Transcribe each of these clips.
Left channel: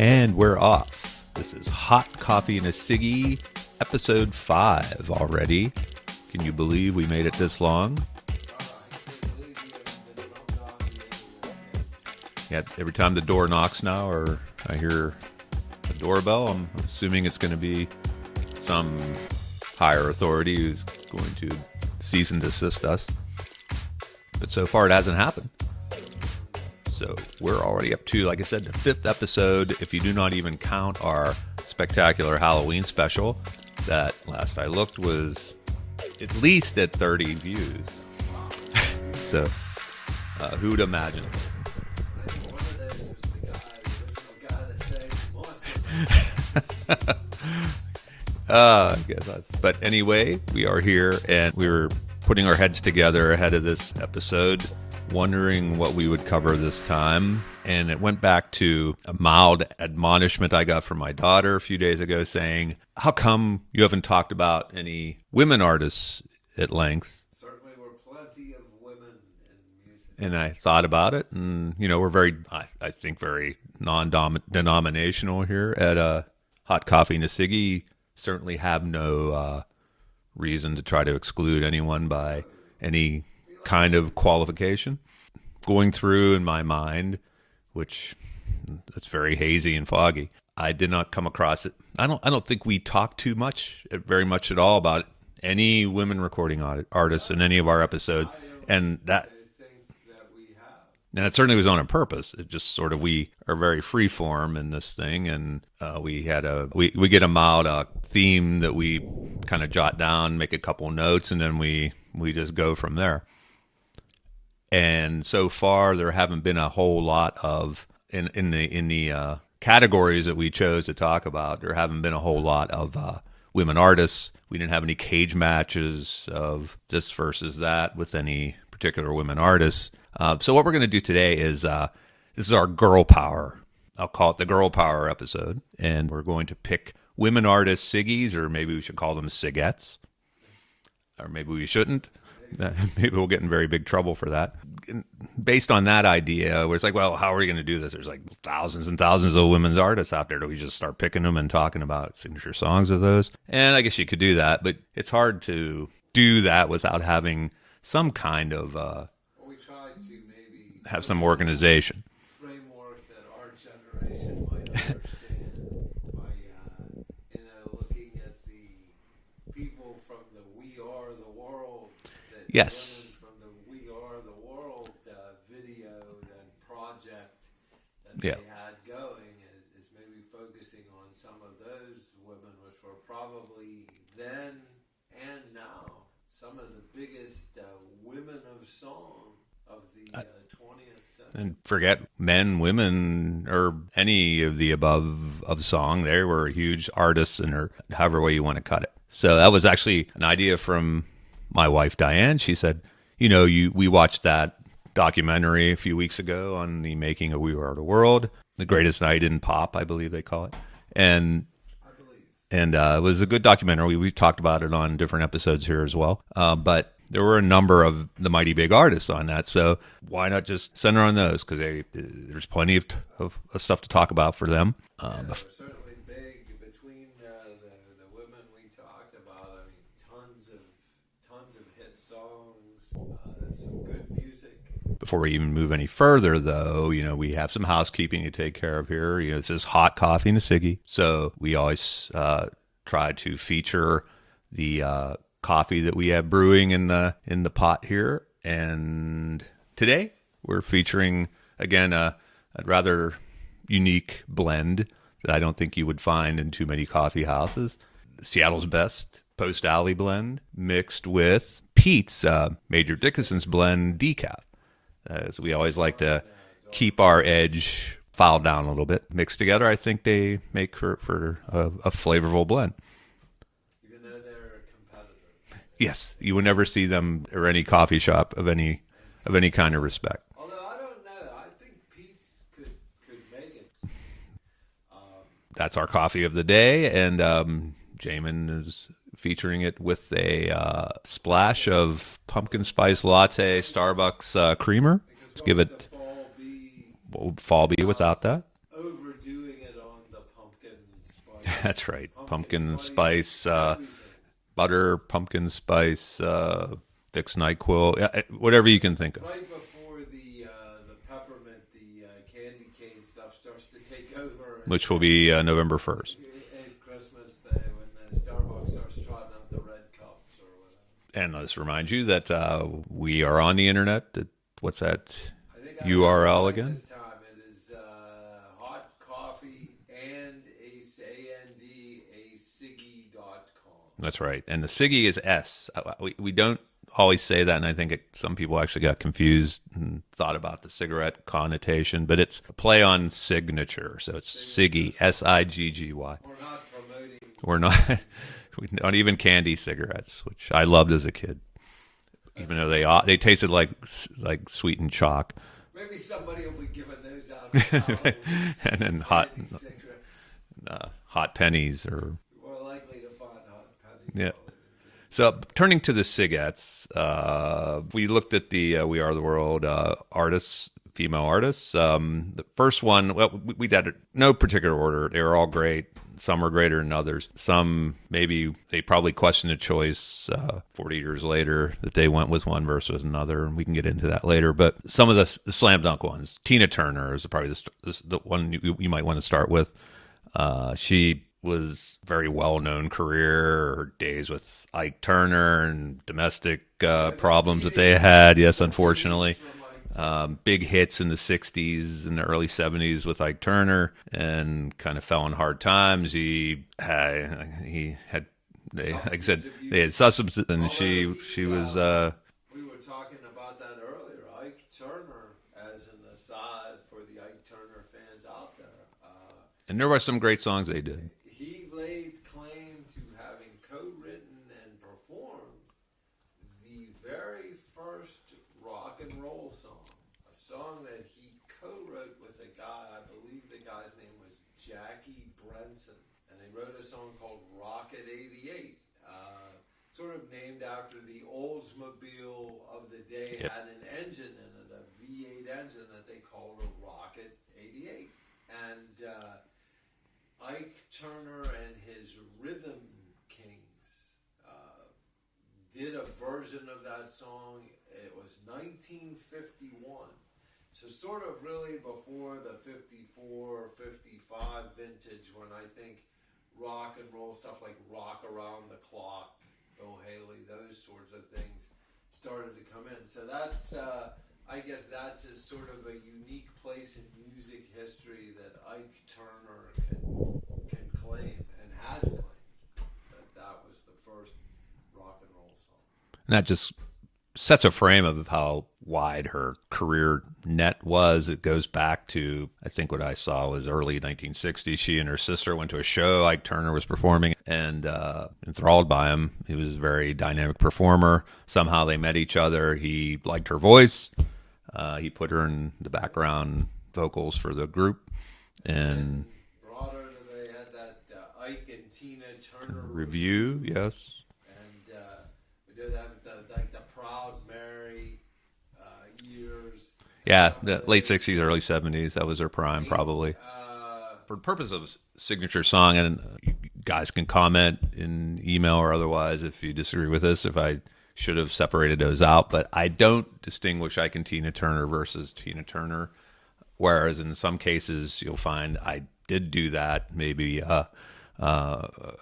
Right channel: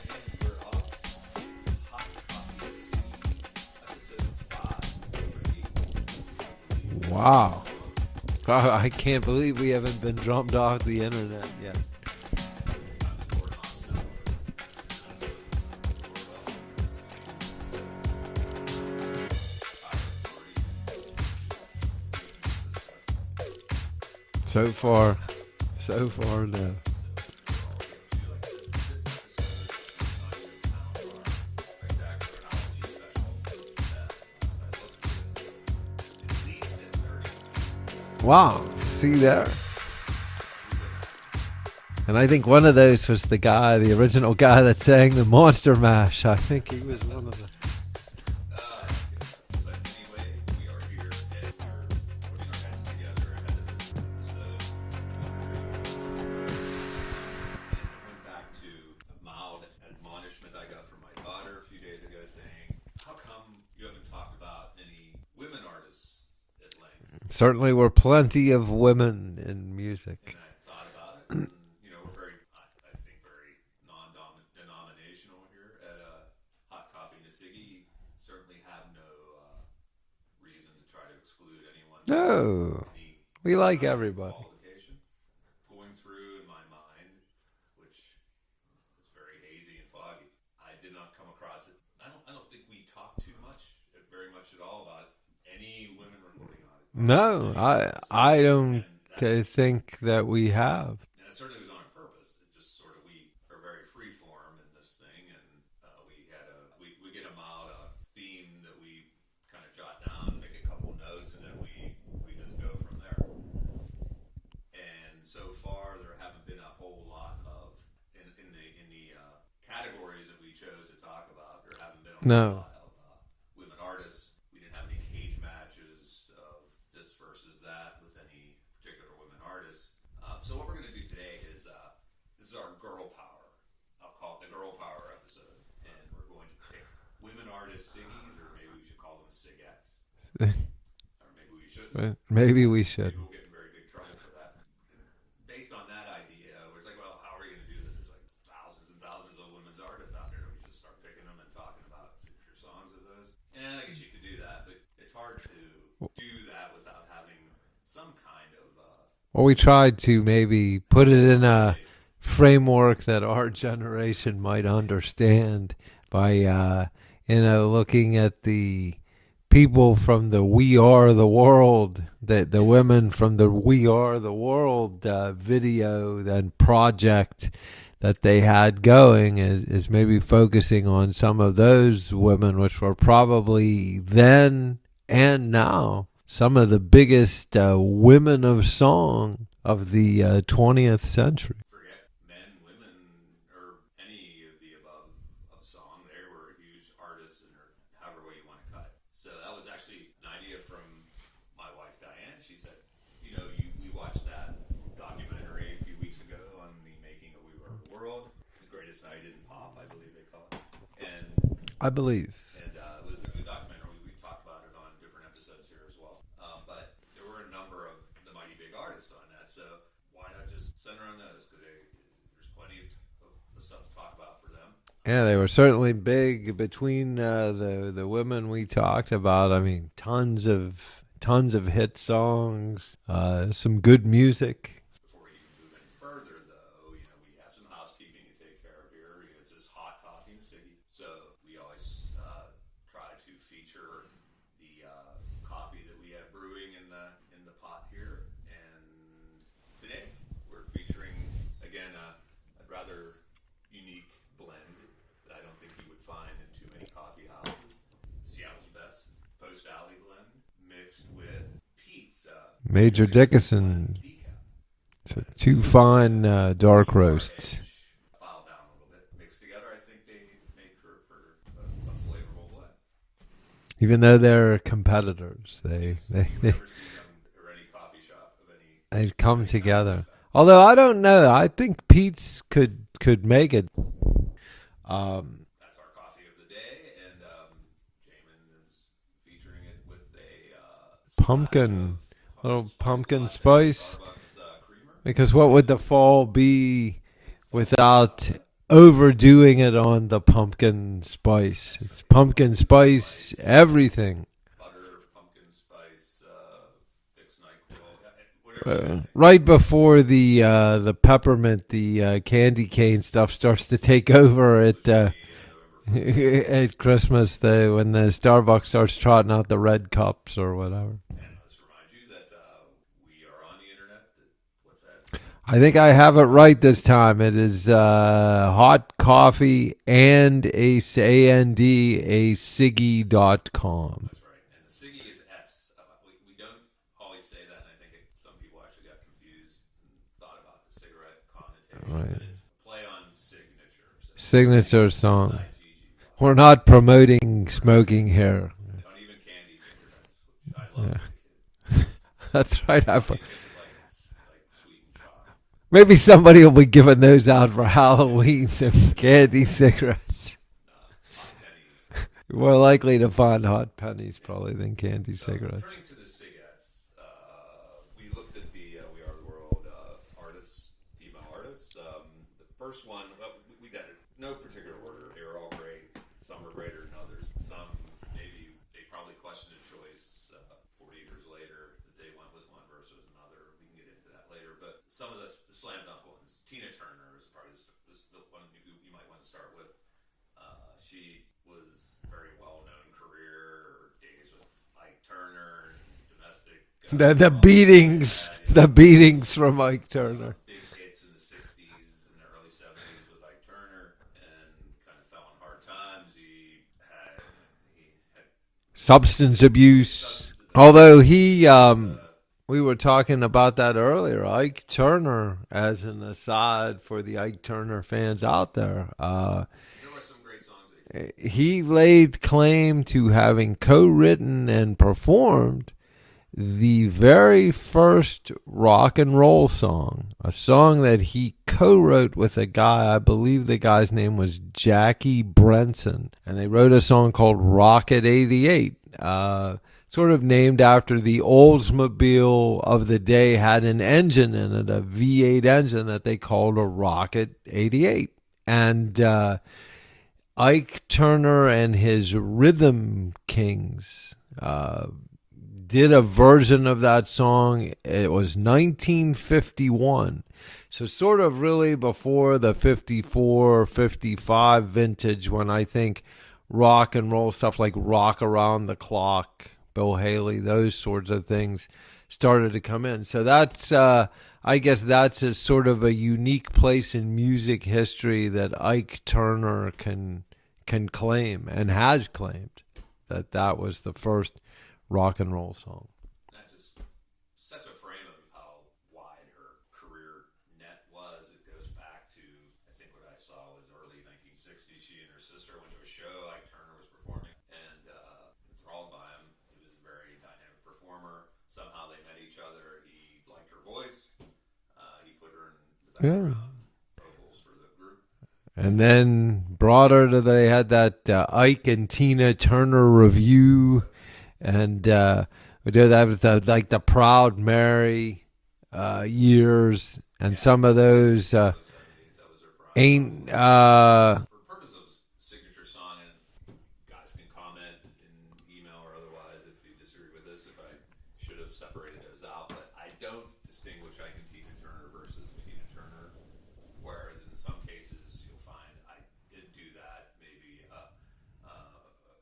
And we're off. This is Hot Coffee and a Siggy, episode 5 already. Can you believe we made it this long? I can't believe we haven't been jumped off the internet yet. Yeah, every time the door knocks now or I hear the doorbell, I'm assuming it's going to be some higher authority who's going to cease and desist us. But so far it hasn't happened. So far, no. So we're already up to, like I said, the 5th episode, if you do not even count our spectacular Halloween special that, last I looked, was at least at 30 views. Wow. See that? So, who'd imagine? And I think one of those was the original guy that sang the Monster Mash. I think he was one of them. I guess but anyway, we are here, and we were putting our heads together ahead of this episode, wondering what we would cover this time. And it went back to a mild admonishment I got from my daughter a few days ago saying, how come you haven't talked about any women artists at length? Certainly were plenty of women in music. And I thought about it, and, we're very, I think, very non-denominational here at Hot Coffee and a Siggy. Certainly have no reason to try to exclude anyone by any kind of qualification. Going through in my mind, which it's very hazy and foggy, I did not come across it. I don't think we talked very much at all about any women recording artists in any of our episodes. I don't think that we have. And it certainly was on purpose. It just sort of, we are very free form in this thing, and we get a mild theme that we kind of jot down, make a couple notes, and then we just go from there. And so far, there haven't been a whole lot of in the categories that we chose to talk about. There haven't been a whole lot of women artists. We didn't have any cage matches of this versus that with any particular women artists. So what we're going to do today is this is our girl power. I'll call it the girl power episode, and we're going to pick women artists Siggies, or maybe we should call them Sigettes. Or maybe we shouldn't. Maybe we should. Maybe we'll get in very big trouble for that. Based on that idea, where it's like, well, how are we going to do this? There's like thousands and thousands of women's artists out there. Do we just start picking them and talking about signature songs of those? And I guess you could do that, but it's hard to do that without having some kind of well, we tried to maybe put it in a framework that our generation might understand by looking at the people from the We Are the World, the women from the We Are the World video and project that they had going is maybe focusing on some of those women, which were probably then and now some of the biggest women of song of the 20th century. Forget men, women, or any of the above of song. They were huge artists, or however way you want to cut it. So that was actually an idea from my wife, Diane. She said, we watched that documentary a few weeks ago on the making of We Are the World, the greatest night in pop, I believe they call it. And I believe. And it was a good documentary. We've talked about it on different episodes here as well. But there were a number of the mighty big artists on that. So why not just center on those? Because there's plenty of stuff to talk about for them. Yeah, they were certainly big between the women we talked about. I mean, tons of hit songs, some good music. Before we even move any further, though, we have some housekeeping to take care of here. This is Hot Coffee and a Siggy, so we always try to feature the coffee that we have brewing in the pot here. And today we're featuring again a rather unique blend that I don't think you would find in too many coffee houses. Seattle's Best Post Alley blend mixed with Pete's Major Dickinson's blend decaf. So we always like to dark keep roasts. our edge filed down a little bit. Mixed together, I think they make for a flavorful blend. Even though they're competitors. Yes, you would never see them or any coffee shop of any kind of respect. Although I don't know, I think Pete's could make it. That's our coffee of the day, and Jamin is featuring it with a splash of pumpkin spice latte, Starbucks creamer. Because what would the fall be without that? overdoing it on the pumpkin spice. That's right. Pumpkin spice everything. Butter, pumpkin spice, Vicks NyQuil, whatever you can think of. Right before the peppermint, the candy cane stuff starts to take over. Which will be November 1st. At Christmas, when the Starbucks starts trotting out the red cups or whatever. And let's remind you that we are on the internet. What's that? I think I have it right again this time. It is hot coffee and a Siggy.com. That's right. And the Siggy is S. We don't always say that, and I think some people actually got confused and thought about the cigarette connotation, but it's a play on signature. So it's signature Siggy, Siggy. We're not promoting smoking here. Not even candy cigarettes, which I loved as a kid. That's right. They tasted like sweetened chalk. Maybe somebody will be giving those out for Halloween as candy cigarettes. Hot pennies, or more likely to find hot pennies probably than candy cigarettes. So turning to the Sigettes, we looked at the We Are the World artists, female artists. The first one, well, we had no particular order. They were all great. Some are greater than others. Some, maybe they probably questioned a choice 40 years later that they went with one versus another, and we can get into that later. But some of the slam dunk ones, Tina Turner is probably the one you might want to start with. She was very well-known career, her days with Ike Turner and domestic problems that they had. Yes, the beatings from Ike Turner. Big hits in the 60s and the early 70s with Ike Turner, and kind of fell on hard times. He had substance abuse. Although he we were talking about that earlier. Ike Turner, as an aside for the Ike Turner fans out there. And there were some great songs they did. He laid claim to having co-written and performed the very first rock and roll song, a song that he co-wrote with a guy, I believe the guy's name was Jackie Brenson. And they wrote a song called Rocket 88. Sort of named after the Oldsmobile of the day, had an engine in it, a V8 engine that they called a Rocket 88. And Ike Turner and his Rhythm Kings did a version of that song. It was 1951. So sort of really before the 54, 55 vintage, when I think rock and roll stuff like Rock Around the Clock, Bill Haley, those sorts of things started to come in. So that's, I guess that's a sort of a unique place in music history that Ike Turner can claim and has claimed that was the first rock and roll song. And that just sets a frame of how wide her career net was. It goes back to, I think what I saw was early 1960s. She and her sister went to a show Ike Turner was performing, and enthralled by him. He was a very dynamic performer. Somehow they met each other. He liked her voice. He put her in the background vocals for the group. And then brought her to, they had that Ike and Tina Turner review. Yes. And we did that with the Proud Mary years, and some of those late 60s, early 70s. That was her prime, probably. For the purpose of signature song, and you guys can comment in email or otherwise if you disagree with this, if I should have separated those out. But I don't distinguish Ike and Tina Turner versus Tina Turner, whereas in some cases you'll find I did do that. Maybe a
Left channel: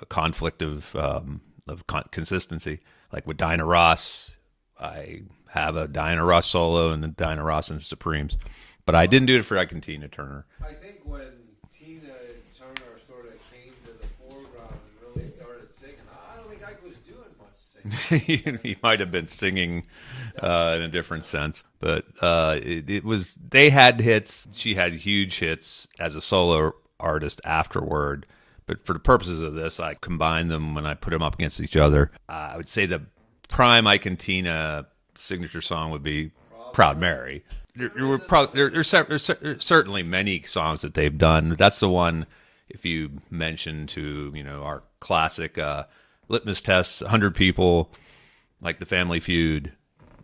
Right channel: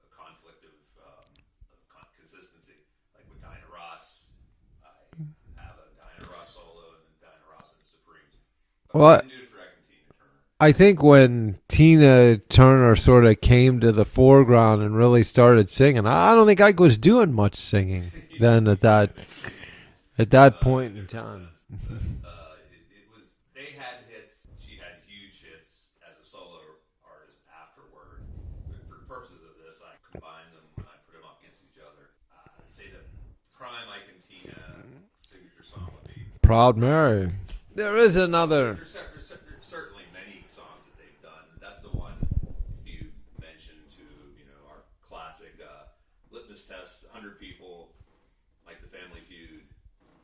conflict of consistency, like with Diana Ross. I have a Diana Ross solo and the Diana Ross and Supremes, but I didn't do it for Ike and Tina Turner. I think when Tina Turner sort of came to the foreground and really started singing, I don't think Ike was doing much singing then. He might have been singing at that point in a different sense, but it was, they had hits. She had huge hits as a solo artist afterward. But for the purposes of this, I combined them when I put them up against each other. I would say the prime Ike and Tina signature song would be Proud Mary. There's certainly many songs that they've done. That's the one, if you mention to, our classic litmus tests, 100 people, like the Family Feud,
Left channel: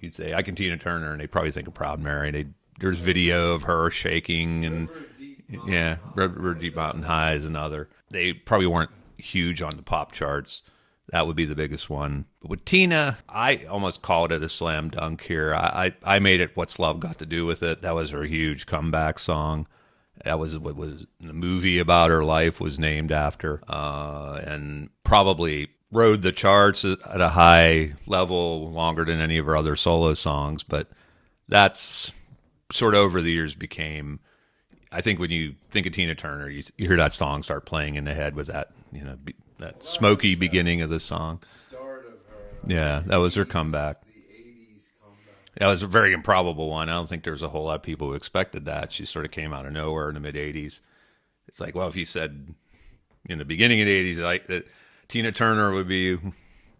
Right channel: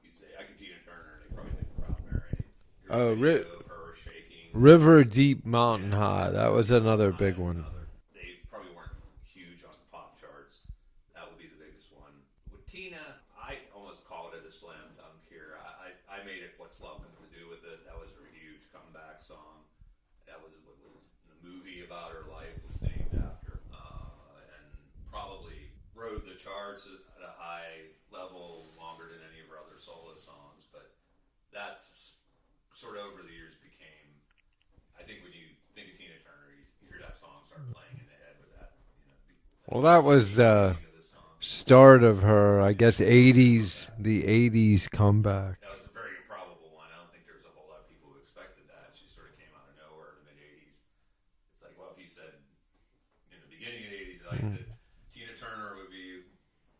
you'd say Ike and Tina Turner, and they probably think of Proud Mary. there's video of her shaking. River Deep Mountain High. River That was Deep another Mountain High big is one. another. They probably weren't huge on the pop charts. That would be the biggest one. But with Tina, I almost called it a slam dunk here. I made it What's Love Got to Do with It. That was her huge comeback song. That was what was the movie about her life was named after, and probably rode the charts at a high level longer than any of her other solo songs. But that's sort of over the years became, I think when you think of Tina Turner, you hear that song start playing in the head with that, that smoky beginning of the song. Start of her, I guess, that 80s, was her comeback. The 80s comeback. That was a very improbable one. I don't think there's a whole lot of people who expected that. She sort of came out of nowhere in the mid 80s. It's like, well, if you said in the beginning of the 80s, like that Tina Turner would be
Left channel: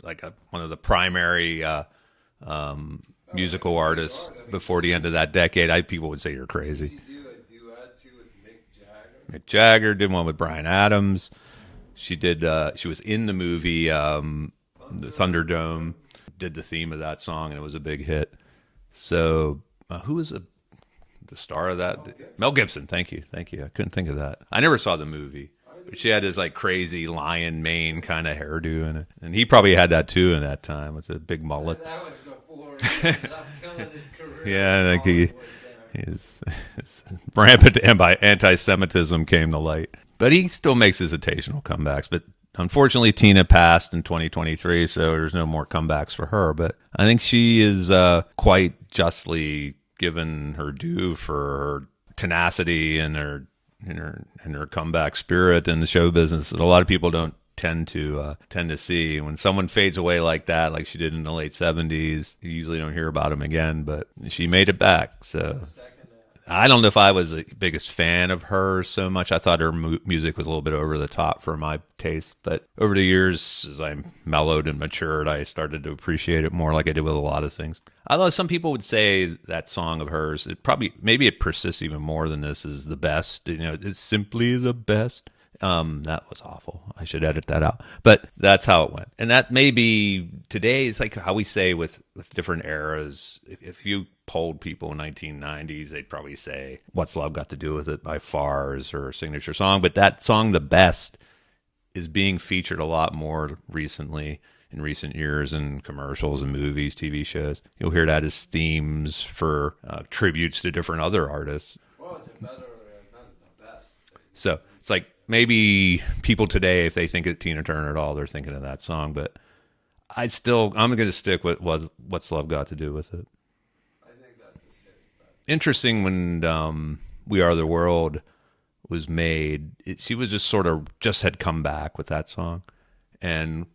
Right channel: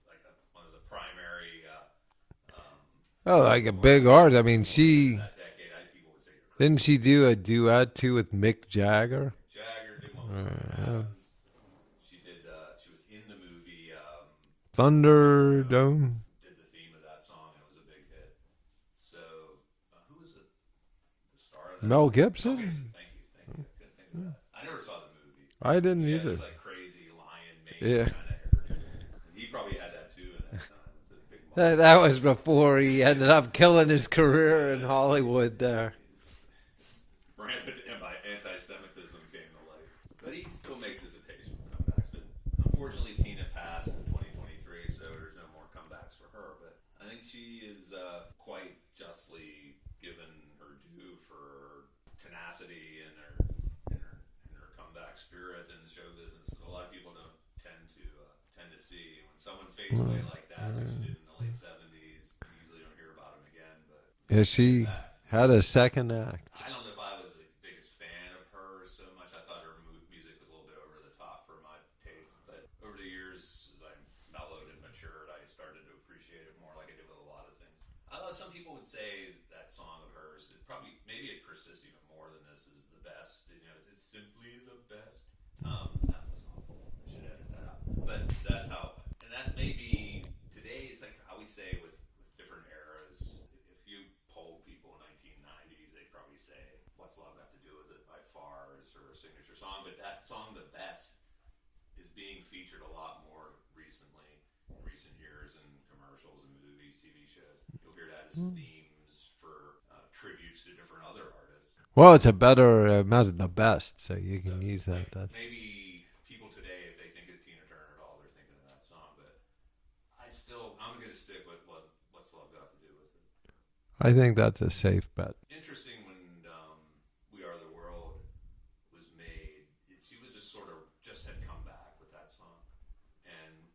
like one of the primary musical like a artists big artist. I mean, before the end of that decade. People would say you're crazy. Didn't she do a duet too with Mick Jagger? Mick Jagger did one with Bryan Adams. She did. She was in the movie Thunderdome. Did the theme of that song, and it was a big hit. So, who was the star of that? Mel Gibson. Mel Gibson. Thank you. I couldn't think of that. I never saw the movie. I didn't. She had this like crazy lion mane kind of hairdo in it, and he probably had that too in that time with the big mullet. That was before he ended up killing his career in Hollywood. His rampant anti-Semitism came to light. But he still makes his occasional comebacks. But unfortunately, Tina passed in 2023, so there's no more comebacks for her. But I think she is quite justly given her due for her tenacity and her comeback spirit in the show business that a lot of people don't tend to see. When someone fades away like that, like she did in the late 70s, you usually don't hear about him again, but she made it back. So had a second act. I don't know if I was the biggest fan of her so much. I thought her music was a little bit over the top for my taste, but over the years, as I mellowed and matured, I started to appreciate it more, like I did with a lot of things. Although some people would say that song of hers, maybe it persists even more than this, is the best. It's simply the best. That was awful. I should edit that out. But that's how it went. And that may be today, it's like how we say with different eras. If you polled people in 1990s, they'd probably say, What's Love Got to Do with It by far is her signature song. But that song, The Best, is being featured a lot more recently. In recent years in commercials and movies, TV shows. You'll hear that as themes for tributes to different other artists. Well, it's a better, the best, so you can use it's like maybe people today, if they think of Tina Turner at all, they're thinking of that song, but I'm going to stick with What's Love Got to Do with It. I think that's a safe bet. Interesting when We Are the World was made, she was just had come back with that song, and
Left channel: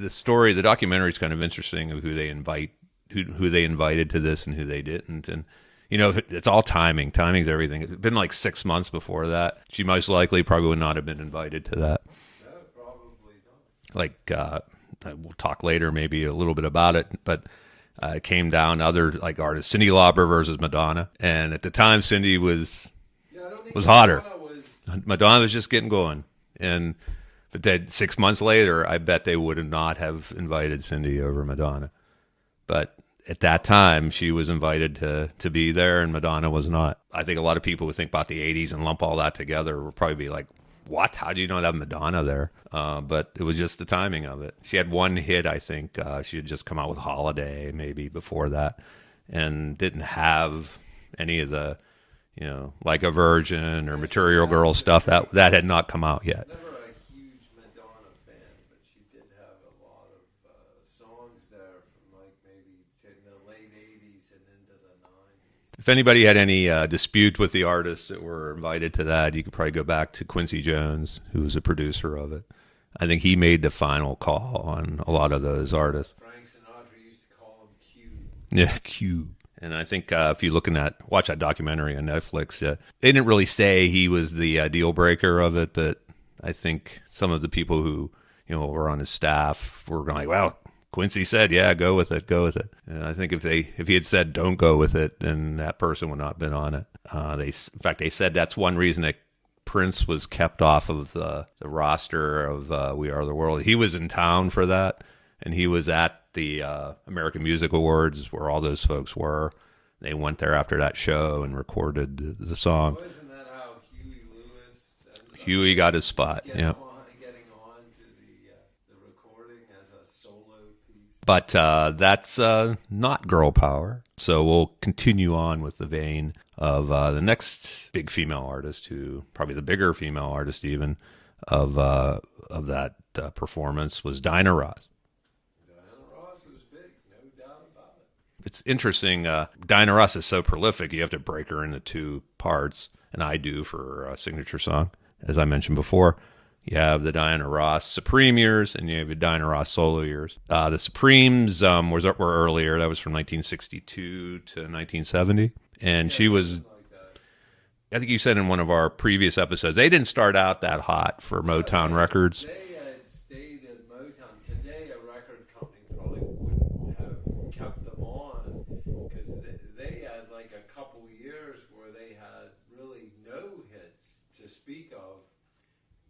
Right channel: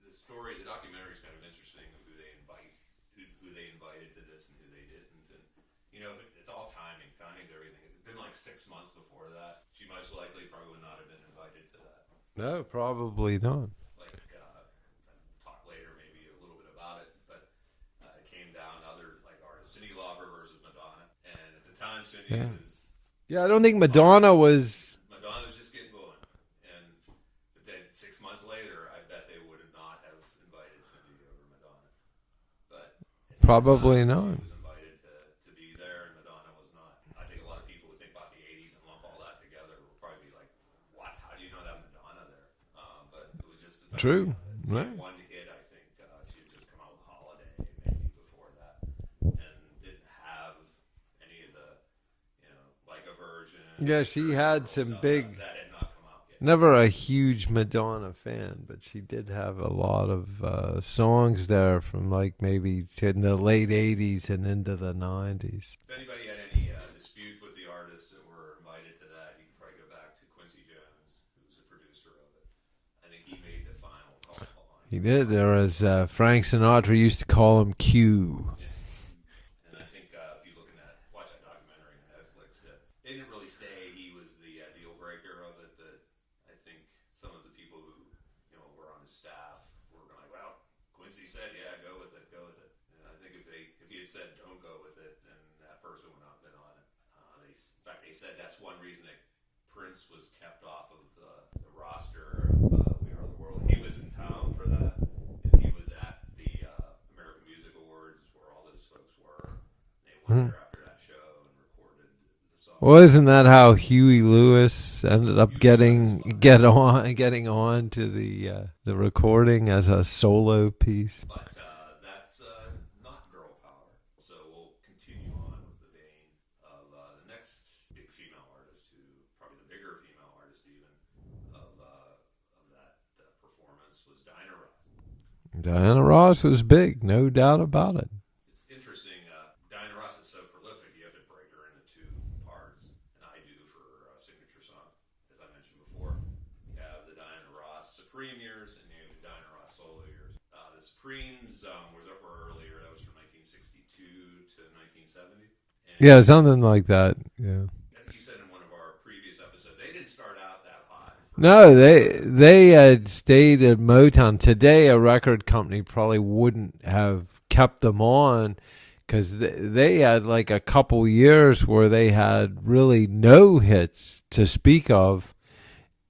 the documentary is kind of interesting of who they invited to this and who they didn't. And, it's all timing. Timing's everything. It's been like 6 months before that. She most likely probably would not have been invited to that. No, probably not. Like, we'll talk later maybe a little bit about it, but it came down to other like artists, Cyndi Lauper versus Madonna. And at the time, Cyndi was... Yeah, I don't think Madonna was... Madonna was just getting going. But then 6 months later, I bet they would not have invited Cyndi over Madonna. But at that time, she was invited to be there, and Madonna was not. I think a lot of people who think about the 80s and lump all that together will probably be like, what? How do you not have Madonna there? But it was just the timing of it. She had one hit, I think. She had just come out with Holiday maybe before that, and didn't have any of the... Like a Virgin or Material Girl stuff, that had not come out yet. Never a huge Madonna fan, but she did have a lot of songs there from like maybe in the late 80s and into the 90s. If anybody had any dispute with the artists that were invited to that, you could probably go back to Quincy Jones, who was a producer of it. I think he made the final call on a lot of those artists. Frank Sinatra used to call him Q. Yeah, Q. And I think if you're watch that documentary on Netflix, they didn't really say he was the deal breaker of it, but I think some of the people who were on his staff were like, well, Quincy said, yeah, go with it. And I think if he had said don't go with it, then that person would not have been on it. In fact, they said that's one reason that Prince was kept off of the roster of We Are the World. He was in town for that. And he was at the American Music Awards where all those folks were. They went there after that show and recorded the song. Well, isn't that how Huey Lewis ended up got his spot, getting on to the recording as a solo piece? But that's not girl power. So we'll continue on with the vein of the next big female artist, who probably the bigger female artist even of that performance was Diana Ross. Diana Ross was big, no doubt about it. It's interesting. Diana Ross is so prolific, you have to break her into two parts, and I do for a signature song. As I mentioned before, you have the Diana Ross Supreme years, and you have the Diana Ross solo years. The Supremes were earlier. That was from 1962 to 1970. And yeah, something like that. Yeah. I think you said in one of our previous episodes, they didn't start out that hot for Motown Records. They had stayed at Motown. Today, a record company probably wouldn't have kept them on, because they had like a couple years where they had really no hits to speak of.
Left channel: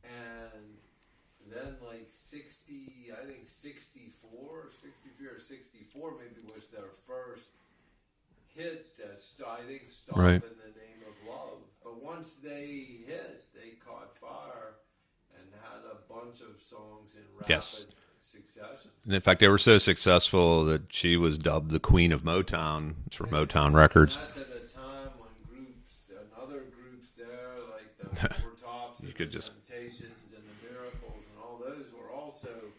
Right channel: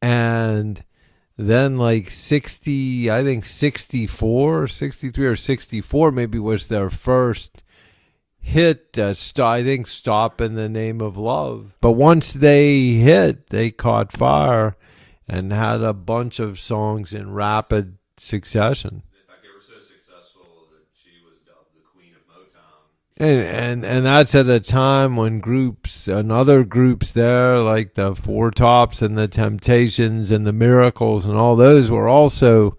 And then like 60, I think 64, 63 or 64 maybe was their first hit, I think Stop Right. in the Name of Love. But once they hit, they caught fire and had a bunch of songs in rapid succession. And in fact, they were so successful that she was dubbed the Queen of Motown. And that's at a time when groups and other groups there, like the Four Tops and the Temptations and the Miracles and all those, were also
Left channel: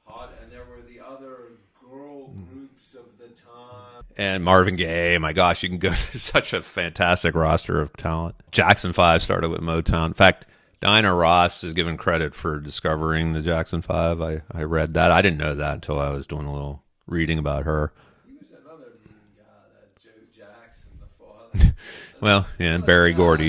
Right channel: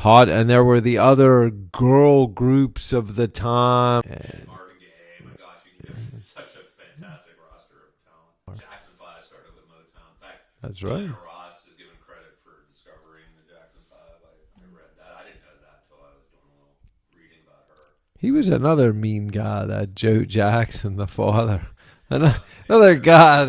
hot. And there were the other girl groups of the time. And Marvin Gaye, my gosh, you can go to such a fantastic roster of talent. Jackson 5 started with Motown. In fact, Diana Ross is given credit for discovering the Jackson 5. I read that. I didn't know that until I was doing a little reading about her. He was another mean guy, that Joe Jackson, the father. Another guy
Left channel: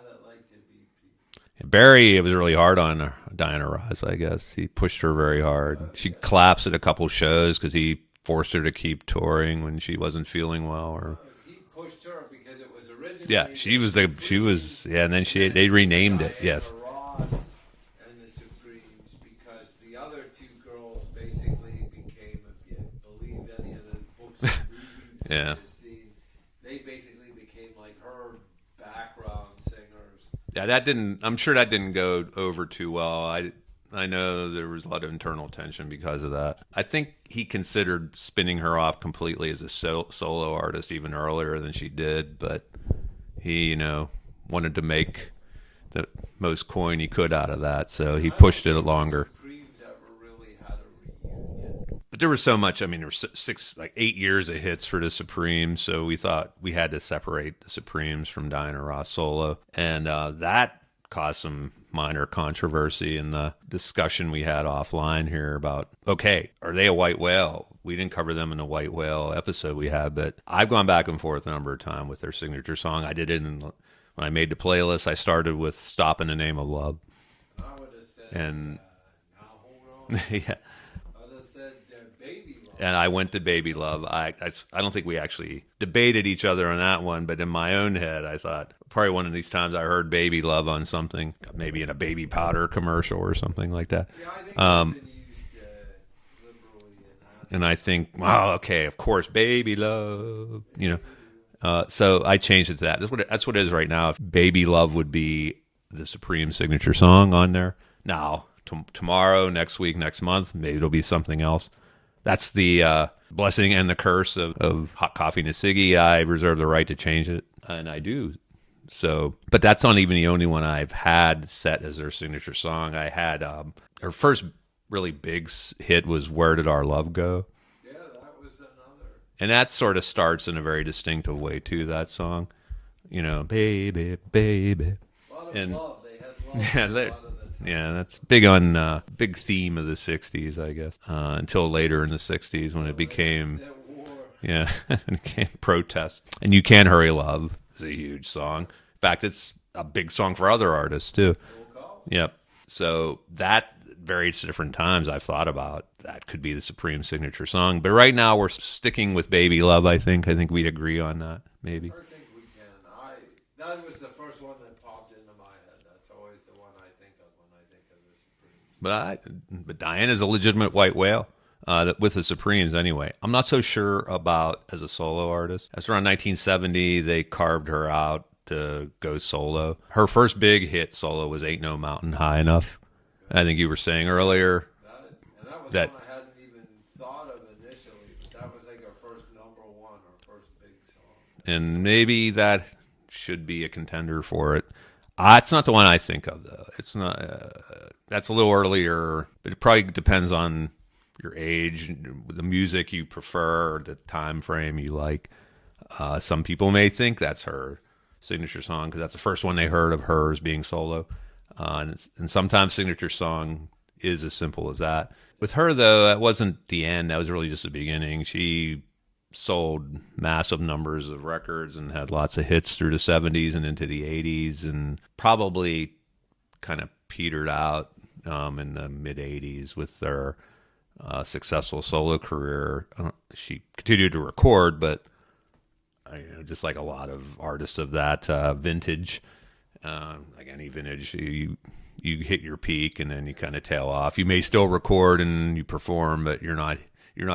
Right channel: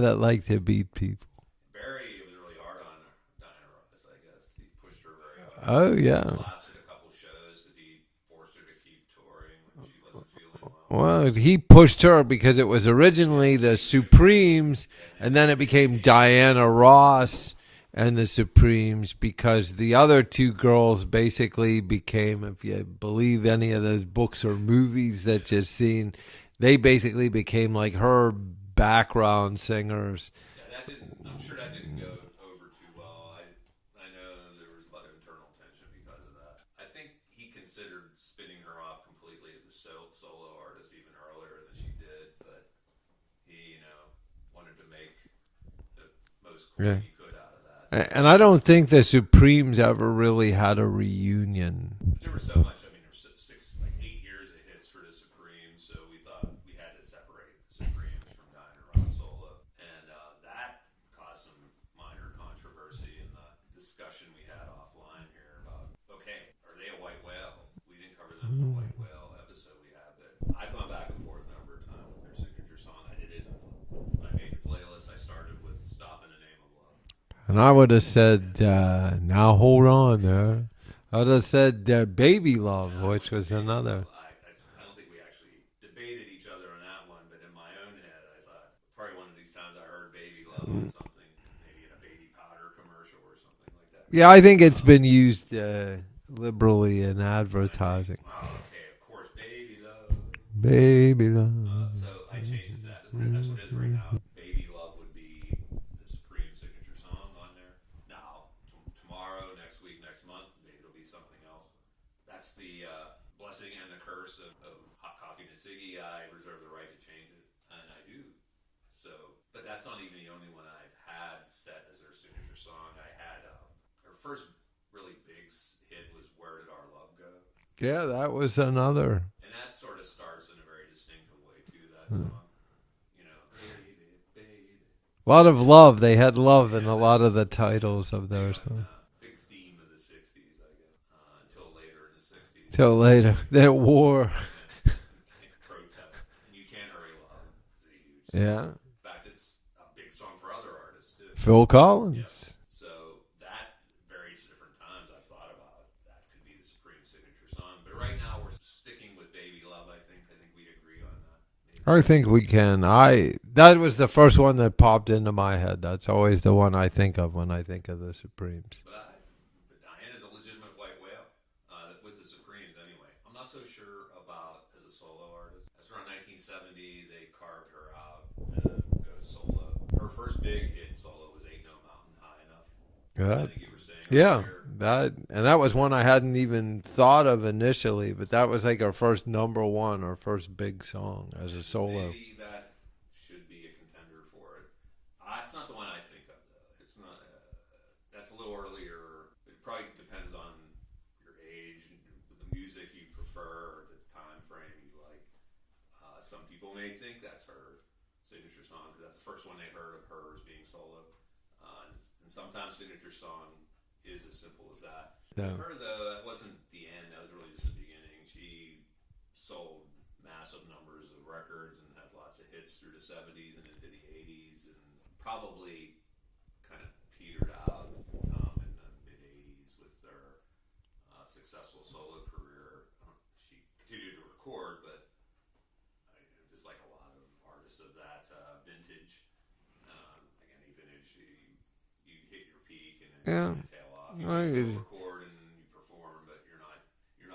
that liked to beat people. Barry, it was really hard on Diana Ross, I guess. He pushed her very hard. She collapsed at a couple shows because he forced her to keep touring when she wasn't feeling well. Well, he pushed her because it was originally the Supremes, and then it became Diana Ross and the Supremes, because the other two girls basically became, if you believe any of those books or movies that you've seen, they basically became like her background singers. Yeah, I'm sure that didn't go over too well. I know there was a lot of internal tension because of that. I think he considered spinning her off completely as a solo artist even earlier than she did, but he, wanted to make the most coin he could out of that. So and I don't think the Supremes ever really had a reunion. But there was so much. I mean, there were 8 years of hits for the Supremes, so we thought we had to separate the Supremes from Diana Ross solo, and that caused some minor controversy in the discussion we had offline here about, okay, are they a white whale? We didn't cover them in the white whale episode we had, but I've gone back and forth a number of times with their signature song. I did it when I made the playlist. I started with Stop in the Name of Love. And I would have said, now hold on. I would have said Baby Love. And I went to Baby Love. I don't think we actually debated each other on that one, but in my own head, I thought, probably one of these times I heard Baby Love on something, maybe in a baby powder commercial or something like that. Yeah, I think it's been used liberally in advertising. And I think, wow, okay, of course, Baby Love. Baby Love. So I changed it to that. That's what it is right now. Baby Love would be the Supreme signature song on there. Now, tomorrow, next week, next month, maybe it'll be something else. That's the blessing and the curse of Hot Coffee and Siggy. I reserve the right to change it, and I do. So, but that's not even the only one I've had set as their signature song. I had her first really big hit was Where Did Our Love Go? Yeah, that was another. And that sort of starts in a very distinctive way, too, that song. Baby, baby. A lot of love. They had love in a lot of the titles. Big theme of the 60s, I guess. Until later in the 60s when it became... that war. Yeah, it became protest. And You Can't Hurry Love is a huge song. In fact, it's a big song for other artists, too. Phil Collins. Yep. So that, various different times I've thought about, that could be the Supreme signature song. But right now we're sticking with Baby Love, I think. I think we'd agree on that. Maybe. I think we can. That was the first one that popped into my head. That's always the one I think of when I think of the Supremes. But Diana's a legitimate white whale. with the Supremes anyway. I'm not so sure about as a solo artist. That's around 1970. They carved her out to go solo. Her first big hit solo was "Ain't No Mountain High Enough." Yeah. I think you were saying earlier. Yeah, that was one I hadn't even thought of initially, but that was like our first #1, our first big song. And maybe that should be a contender for it. It's not the one I think of, though. It's not. That's a little earlier, but it probably depends on your age, the music you prefer, the time frame you like. Some people may think that's her signature song because that's the first one they heard of hers being solo. And sometimes signature song is as simple as that. Yeah. With her, though, that wasn't the end. That was really just the beginning. She sold massive numbers of records and had lots of hits through the 70s and into the 80s, and probably kind of petered out in the mid-80s with their successful solo career. She continued to record, but just like a lot of artists of that vintage, like any vintage, you hit your peak and then you kind of tail off. You may still record and you perform, but you're not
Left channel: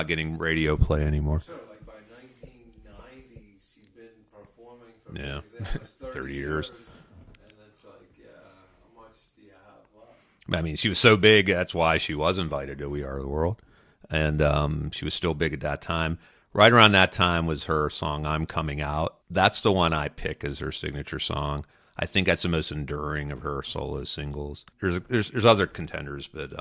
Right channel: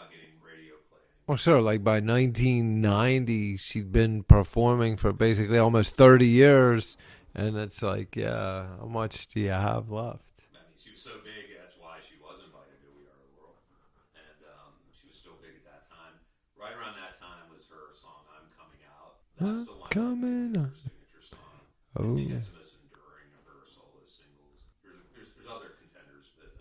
getting radio play anymore. Well, sure. Like by 1990, she'd been performing for basically almost 30 years, and it's like, how much do you have left? I mean, she was so big, that's why she was invited to We Are the World. And she was still big at that time. Right around that time was her song, I'm Coming Out. That's the one I pick as her signature song. I think that's the most enduring of her solo singles. There's other contenders, but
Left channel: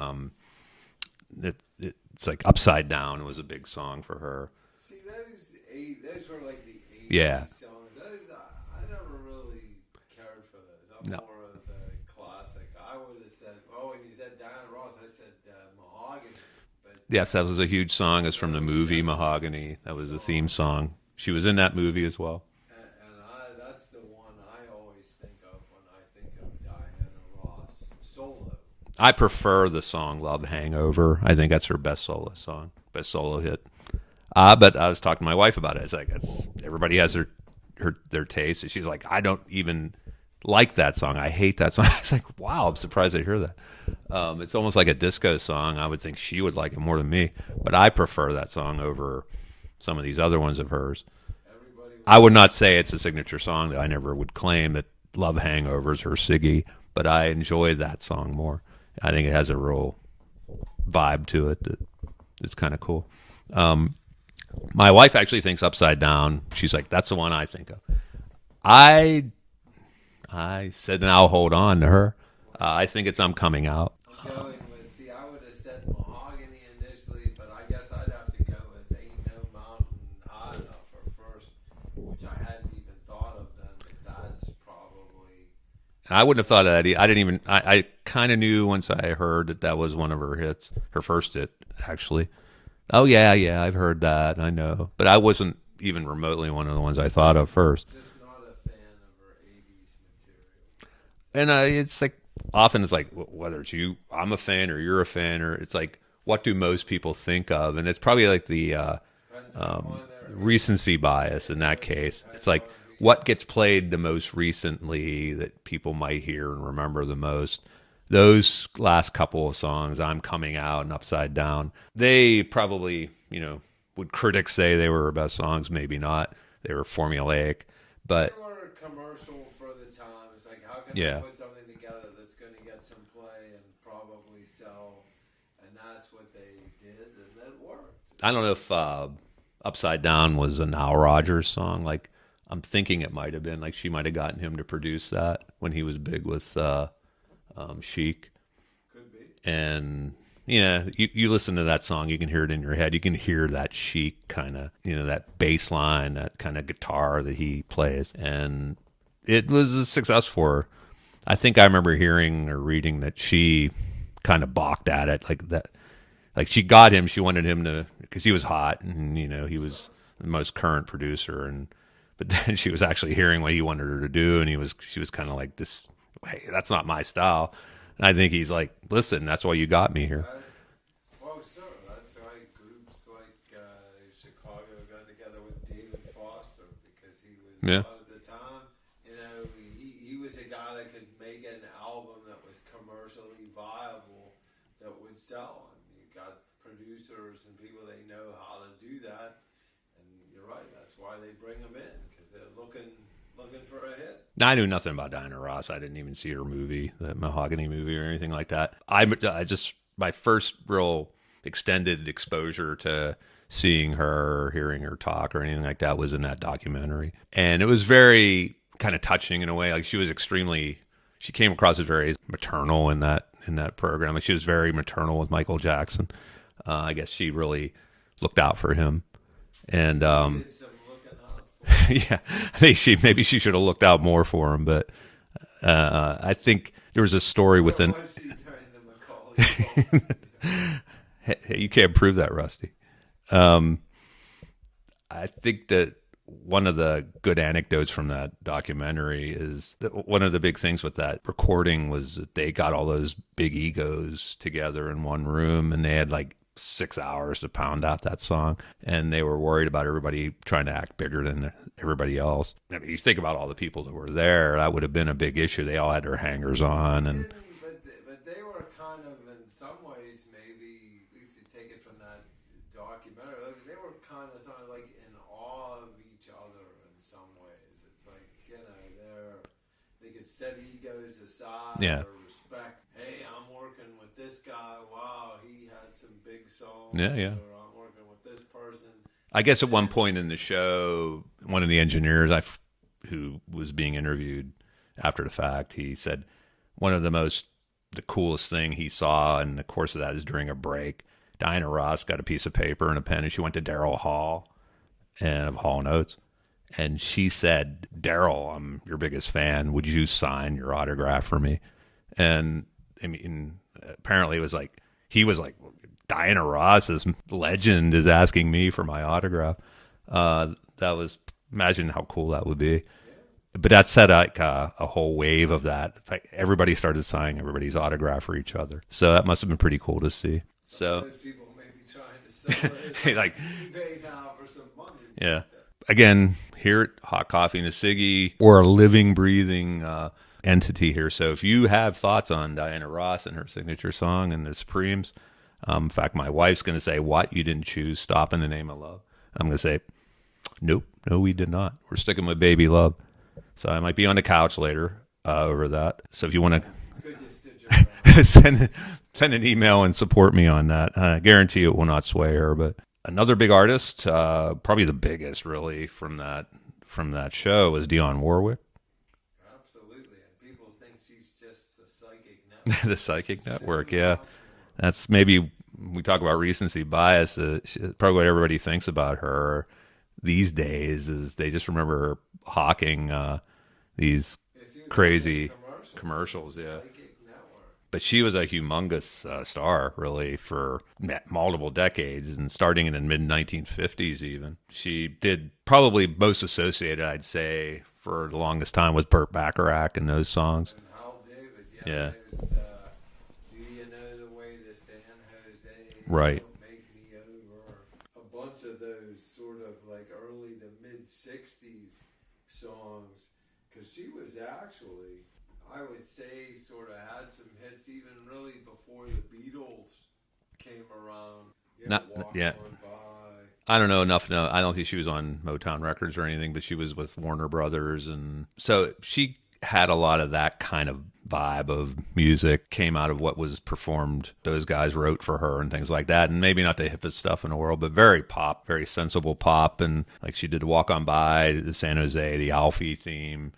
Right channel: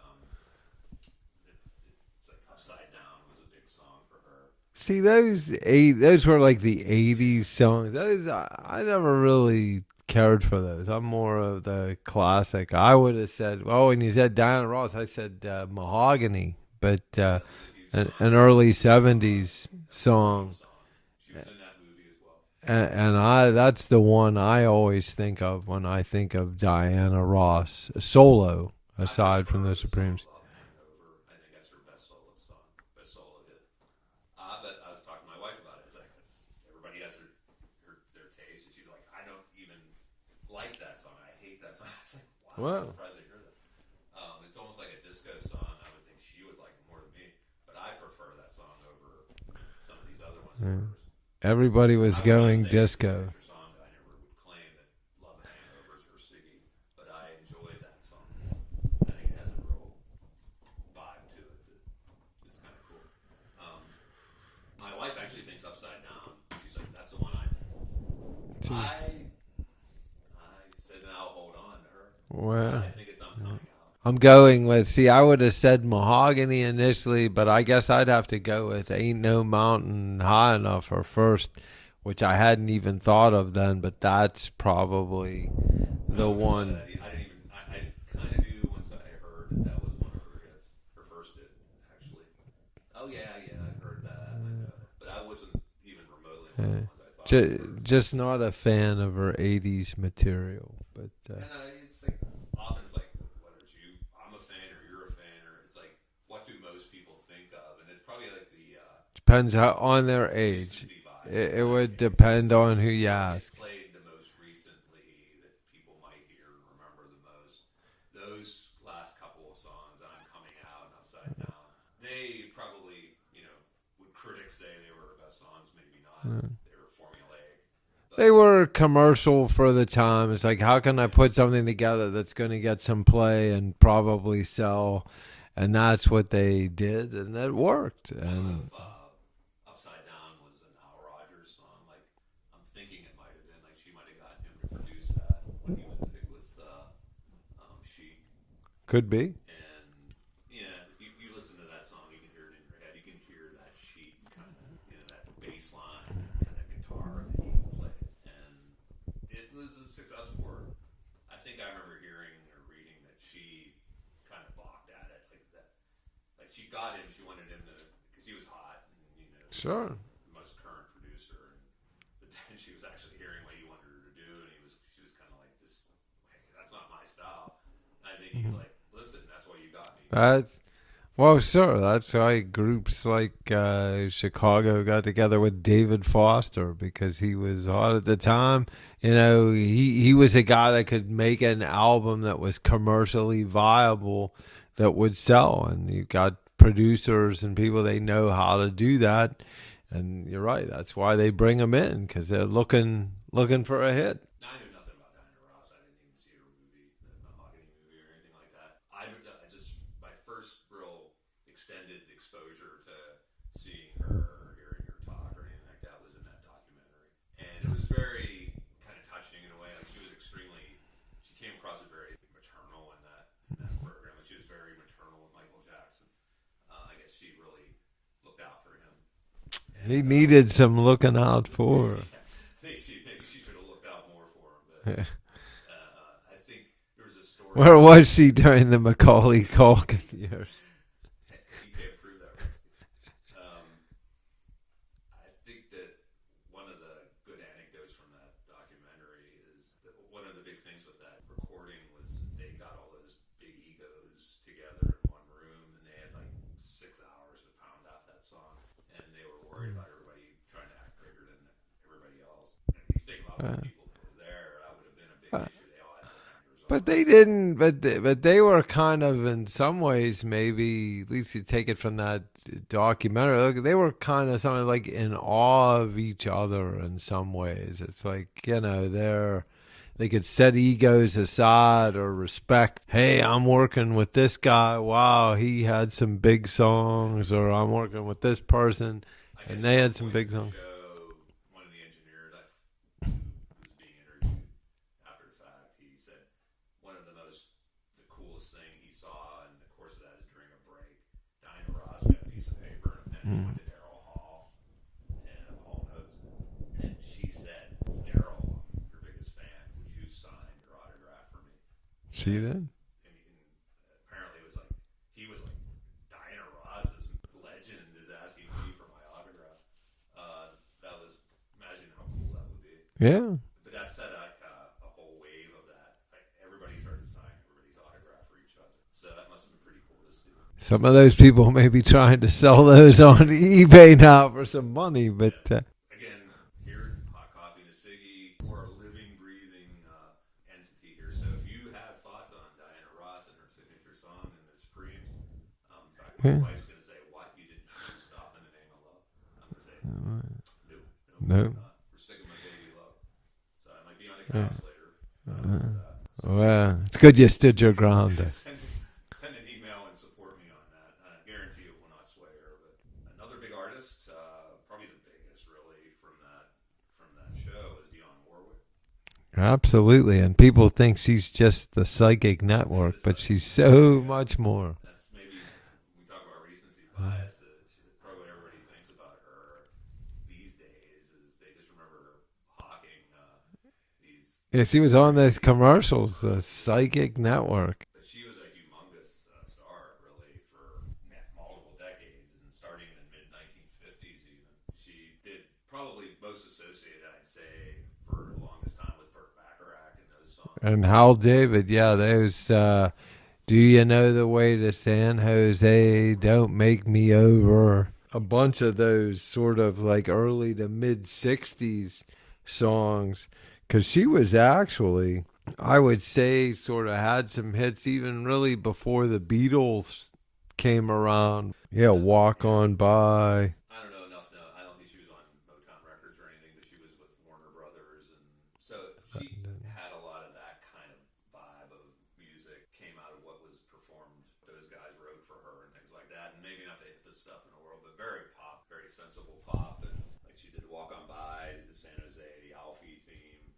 it's like Upside Down was a big song for her. See, those were like the 80s songs. Those I never really cared for those. I'm more of the classic. I would have said, when you said Diana Ross, I said Mahogany. But yes, that was a huge song. An early 70s That was the theme song. She was in that movie as well. And that's the one I always think of when I think of Diana Ross solo. I prefer the song Love Hangover. I think that's her best solo song, best solo hit. But I was talking to my wife about it. It's like everybody has their taste. And she's like, I don't even like that song. I hate that song. I was like, wow, I'm surprised I hear that. It's almost like a disco song. I would think she would like it more than me. But I prefer that song over some of these other ones of hers. Everybody was. I would not say disco. It's a signature song. That I never would claim that Love Hangover is her Siggy, but I enjoy that song more. I think it has a real vibe to it that is kind of cool. My wife actually thinks Upside Down. She's like, that's the one I think of. I said, and I'll hold on to her. Well, I think it's I'm Coming Out. I'm going with, I would have said Mahogany initially, but I guess I'd have to go with Ain't No Mountain High Enough for first, which I hadn't even thought of then, but that's probably... I wouldn't have thought of that. I kind of knew once I heard that was one of her hits, her first hit, actually. Oh, yeah, I've heard that, I know. But I wasn't even remotely one of the ones I thought of first. Just not a fan of her 80s material. But, and it's like, often it's like, whether it's you, I'm a fan, or you're a fan, or it's like, what do most people think of? And it's probably like the... depends on their age. Recency bias in that case. Depends like on who you what ask. Gets played the most recently that people might hear and remember the most. Those last couple of songs, I'm Coming Out and Upside Down, they probably, would critics say they were her best songs? Maybe not. They were formulaic. But they were commercial for the time. It's like, how can I put something together that's going to get some play and probably sell? And that's what they did, and it worked. I don't know if Upside Down was a Nile Rodgers song. Like, I'm thinking it might have been. Like, she might have gotten him to produce that when he was big with Chic. Could be. And, you listen to that song, you can hear it in your head. You can hear that Chic kind of, that bass line, that kind of guitar that he plays. And it was a success for her. I think I remember hearing or reading that she kind of balked at it, like she got him, she wanted him to, because he was hot and he was the most current producer, but then she was actually hearing what he wanted her to do, and she was kind of like, this, hey, that's not my style. And I think he's like, listen, that's why you got me here. Well, sure, that's why groups like Chicago got together with David Foster, because he was hot at the time. He was a guy that could make an album that was commercially viable that would sell, and you got producers and people, they know how to do that. And you're right. That's why they bring them in, because they're looking for a hit. Now, I knew nothing about Diana Ross. I didn't even see her movie, the Mahogany movie, or anything like that. I just, my first real extended exposure to seeing her, hearing her talk, or anything like that was in that documentary. And it was very kind of touching in a way. Like, she came across as very maternal in that program. Like, she was very maternal with Michael Jackson. I guess she really looked out for him. And he needed some looking out for. Yeah, I think maybe she should have looked out more for him. But I think there was a story. Or was she during the Macaulay Culkin? Hey, you can't prove that, Rusty. I think that one of the good anecdotes from that documentary is that one of the big things with that recording was that they got all those big egos together in one room, and they had like 6 hours to pound out that song, and they were worried about everybody trying to act bigger than everybody else. I mean, you think about all the people that were there, that would have been a big issue. They all had their hangers on. But they didn't. But they were kind of, in some ways, maybe, at least you take it from that documentary, they were kind of something like in awe of each other in some ways. It's like, they could set egos aside, or respect. Hey, I'm working with this guy. Wow, he had some big songs. Or I'm working with this person. I guess at one point in the show, one of the engineers who was being interviewed after the fact, he said one of the coolest thing he saw in the course of that is during a break, Diana Ross got a piece of paper and a pen, and she went to Daryl Hall of Hall & Oates. And she said, "Daryl, I'm your biggest fan. Would you sign your autograph for me?" Sure. And I mean, apparently it was like, he was like, Diana Ross's legend is asking me for my autograph. Imagine how cool that would be. Yeah. But that set like a whole wave of that. Like, everybody started signing everybody's autograph for each other. So that must have been pretty cool to see. Some of those people may be trying to sell those on eBay now for some money. But, again, here at Hot Coffee and a Siggy, we're a living, breathing entity here. So if you have thoughts on Diana Ross and her signature song and the Supremes, in fact, my wife's going to say, "What? You didn't choose Stop in the Name of Love?" I'm going to say, nope, no, we did not. We're sticking with Baby Love. So I might be on the couch later over that. So if you want to... It's good you stood your ground. send an email and support me on that. I guarantee it will not sway her. But another big artist, probably the biggest really from that show, was Dionne Warwick. Absolutely. And people think she's just the psychic network, but she's network, so much more. That's maybe... We talk about recency bias. Probably what everybody thinks about her these days is they just remember her hawking these. Yeah, she was on those commercials, the Psychic Network. But she was a humongous star, really, for multiple decades, and starting in the mid 1950s. Even she did probably most associated, I'd say, for the longest time with Burt Bacharach and those songs and Hal David. Those. Do you know the way to San Jose? Right. Don't make me over. A bunch of those sort of like early to mid 60s songs. Because she was actually, I would say, sort of had some hits even really before the Beatles came around. Walk On By. I don't know enough. No, I don't think she was on Motown Records or anything, but she was with Warner Brothers. And so she had a lot of that kind of vibe of music, came out of what was performed. Those guys wrote for her and things like that, and maybe not the hippest stuff in the world, but very pop, very sensible pop. And like, she did Walk On By, the San Jose, the Alfie theme.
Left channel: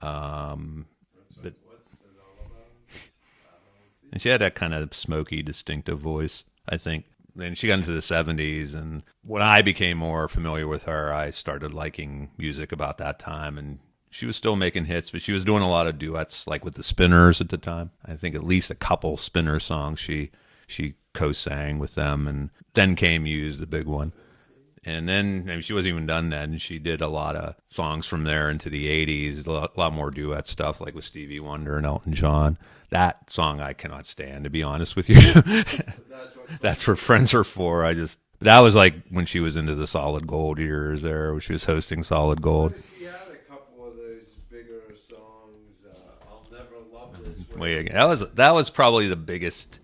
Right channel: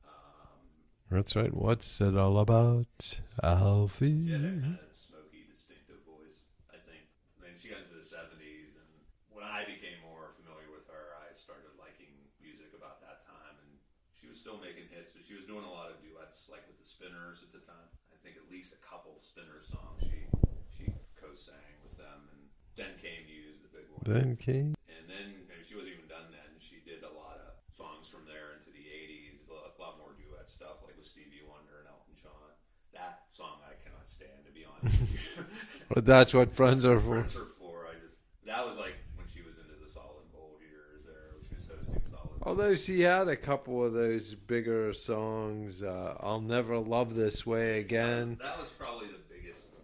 That's right. What's it all about, Alfie? And she had that kind of smoky, distinctive voice, I think. Then she got into the 70s, and when I became more familiar with her, I started liking music about that time. And she was still making hits, but she was doing a lot of duets, like with the Spinners at the time. I think at least a couple Spinner songs she co-sang with them, and Then Came You's the big one. And then, I mean, she wasn't even done then. She did a lot of songs from there into the 80s, a lot more duet stuff, like with Stevie Wonder and Elton John. That song I cannot stand, to be honest with you. But that's what friends are for. That was like when she was into the Solid Gold years there, when she was hosting Solid Gold. Well, she had a couple of those bigger songs. I'll Never Love This Way Again. That was probably the biggest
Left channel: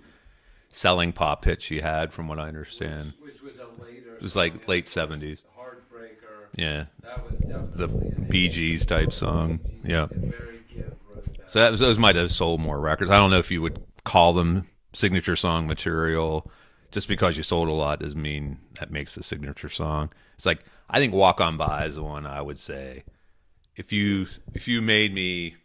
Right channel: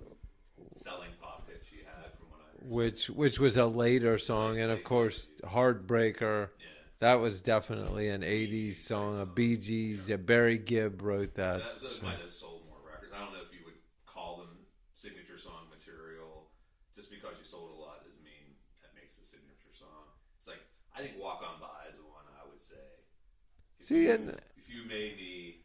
selling pop hit she had, from what I understand. Which was a later song. It was like and late of course, 70s. Heartbreaker. Yeah. That was definitely an Bee Gees type song. Bee Gees. Yeah. Barry Gibb wrote that. So those might have sold more records. I don't know if you would call them signature song material. Just because you sold a lot doesn't mean that makes the signature song. It's like, I think Walk On By is the one I would say. If you made me,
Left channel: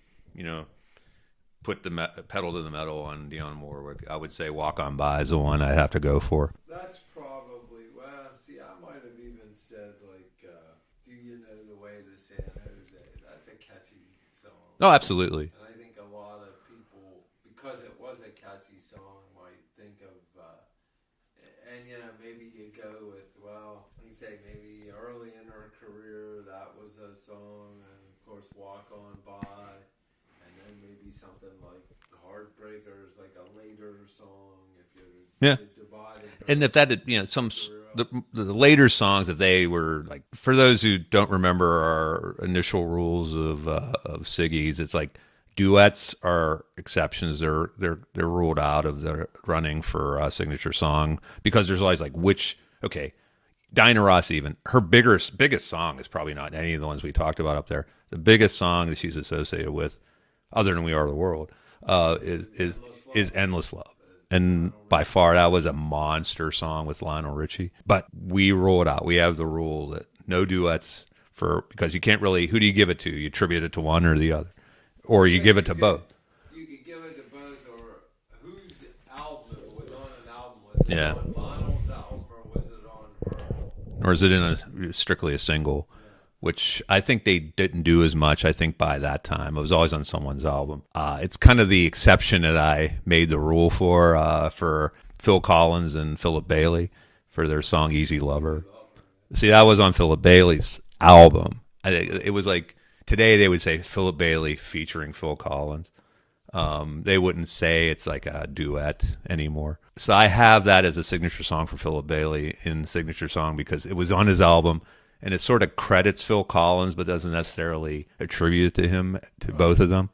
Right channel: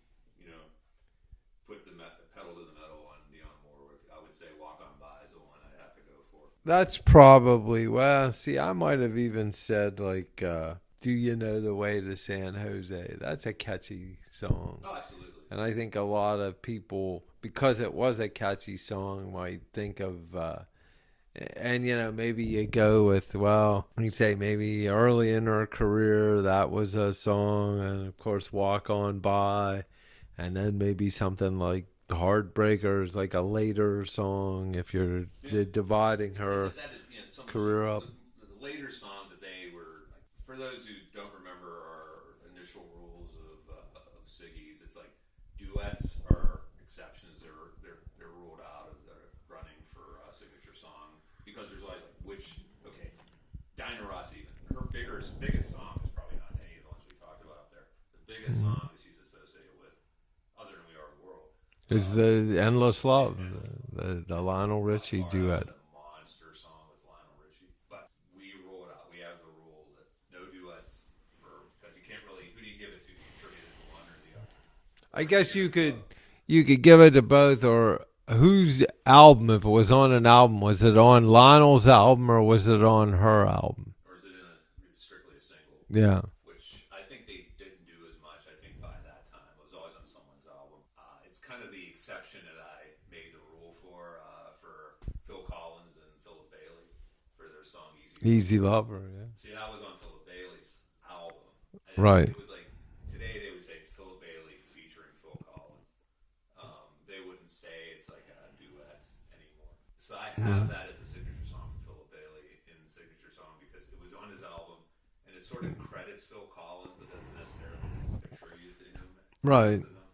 put the pedal to the metal on Dionne Warwick, I would say Walk On By is the one I'd have to go for. That's probably, I might have even said like, Do You Know the Way to San Jose? That's a catchy song. Oh, absolutely. And I think a lot of people, because it was a catchy song, might think of, and maybe you go with, you say maybe early in her career, that was a song, and of course Walk On By, and then maybe something like The Heartbreakers, like a later song, if you're dividing her. And if that, some the later songs, if they were like, for those who don't remember our initial rules of Siggy's, it's like duets are exceptions. They're ruled out of the running for a signature song, because there's always like Diana Ross, even her biggest song is probably not any of the ones we talked about up there. The biggest song that she's associated with, other than We Are the World, is Endless Love. Is Endless Love. The Lionel Richie by far, that was a monster song with Lionel Richie. But we rule it out. We have the rule that no duets, because you can't really, who do you give it to? You attribute it to one or the other. Or you give it to both. You could give it to both, or whose album, if it was on an album, was it on Lionel's album or was it on her album? Or is it in strictly a single? Yeah. Which I think they didn't do as much, I think, by that time. It was always on someone's album. It's kind of the exception that I made the rule for Phil Collins and Philip Bailey for their song Easy Lover. Easy Lover, yeah. See, that was on Philip Bailey's album. Right. It was like, today they would say Philip Bailey featuring Phil Collins. They wouldn't say it's like a duet anymore. So I have that as a signature song for Philip Bailey in signature song, because it was on his album, and it sort of credits Phil Collins but doesn't necessarily attribute it to him, to both of them.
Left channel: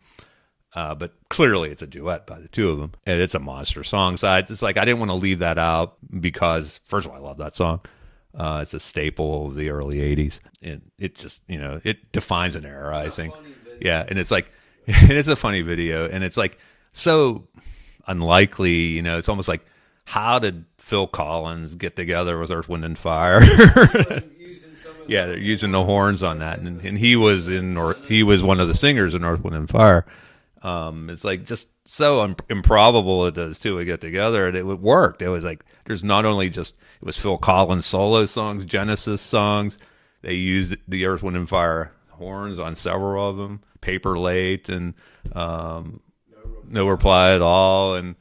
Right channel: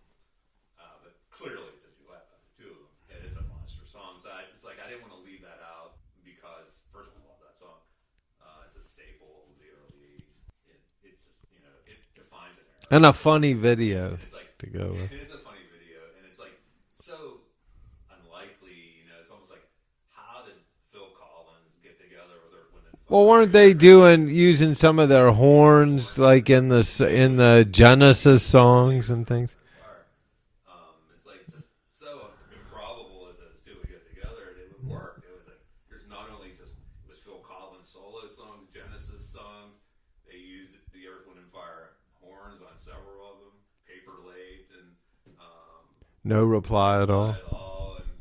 But clearly it's a duet by the two of them, and it's a monster song. So it's like, I didn't want to leave that out because, first of all, I love that song. It's a staple of the early 80s. And it just, it defines an era. And funny video. Yeah, and it's like, and it's a funny video. And it's like, so unlikely, it's almost like, how did Phil Collins get together with Earth, Wind, and Fire? Or are they using some of their horns, using the horns like in the Genesis he was one of the singers in Earth, Wind, and Fire. It's like just so improbable it does too. We get together and it worked. It was like, there's not only just, it was Phil Collins solo songs, Genesis songs. They used the Earth, Wind, and Fire horns on several of them. Paper Late and No Reply at All. And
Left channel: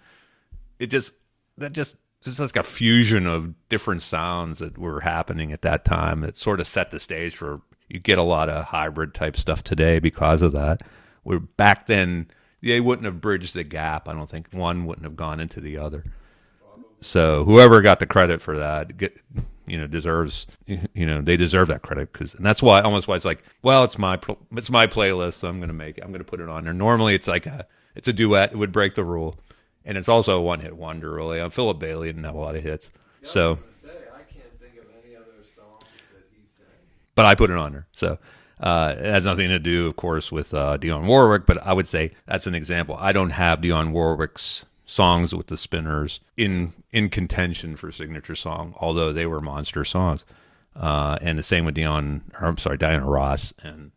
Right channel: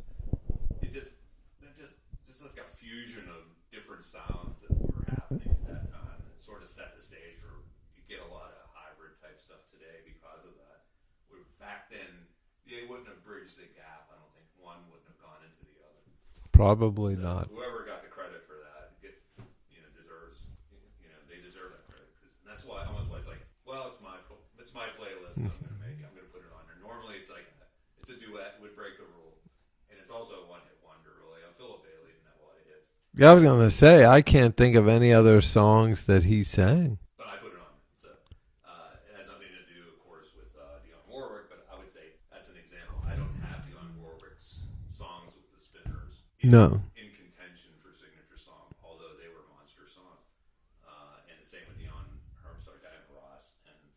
it just like a fusion of different sounds that were happening at that time. It sort of set the stage for, you get a lot of hybrid type stuff today because of that. Where back then they wouldn't have bridged the gap. I don't think one wouldn't have gone into the other. Probably. So not. Whoever got the credit for that, deserves, they deserve that credit, and that's why it's like, well, it's my playlist, so I'm going to put it on there. Normally it's like it's a duet. It would break the rule. And it's also a one-hit wonder, really. Philip Bailey didn't have a lot of hits. Yeah, I was going to say, I can't think of any other songs that he sang. But I put it on there. So it has nothing to do, of course, with Dionne Warwick, but I would say that's an example. I don't have Dionne Warwick's songs with the Spinners in contention for signature song, although they were monster songs. And the same with Diana Ross and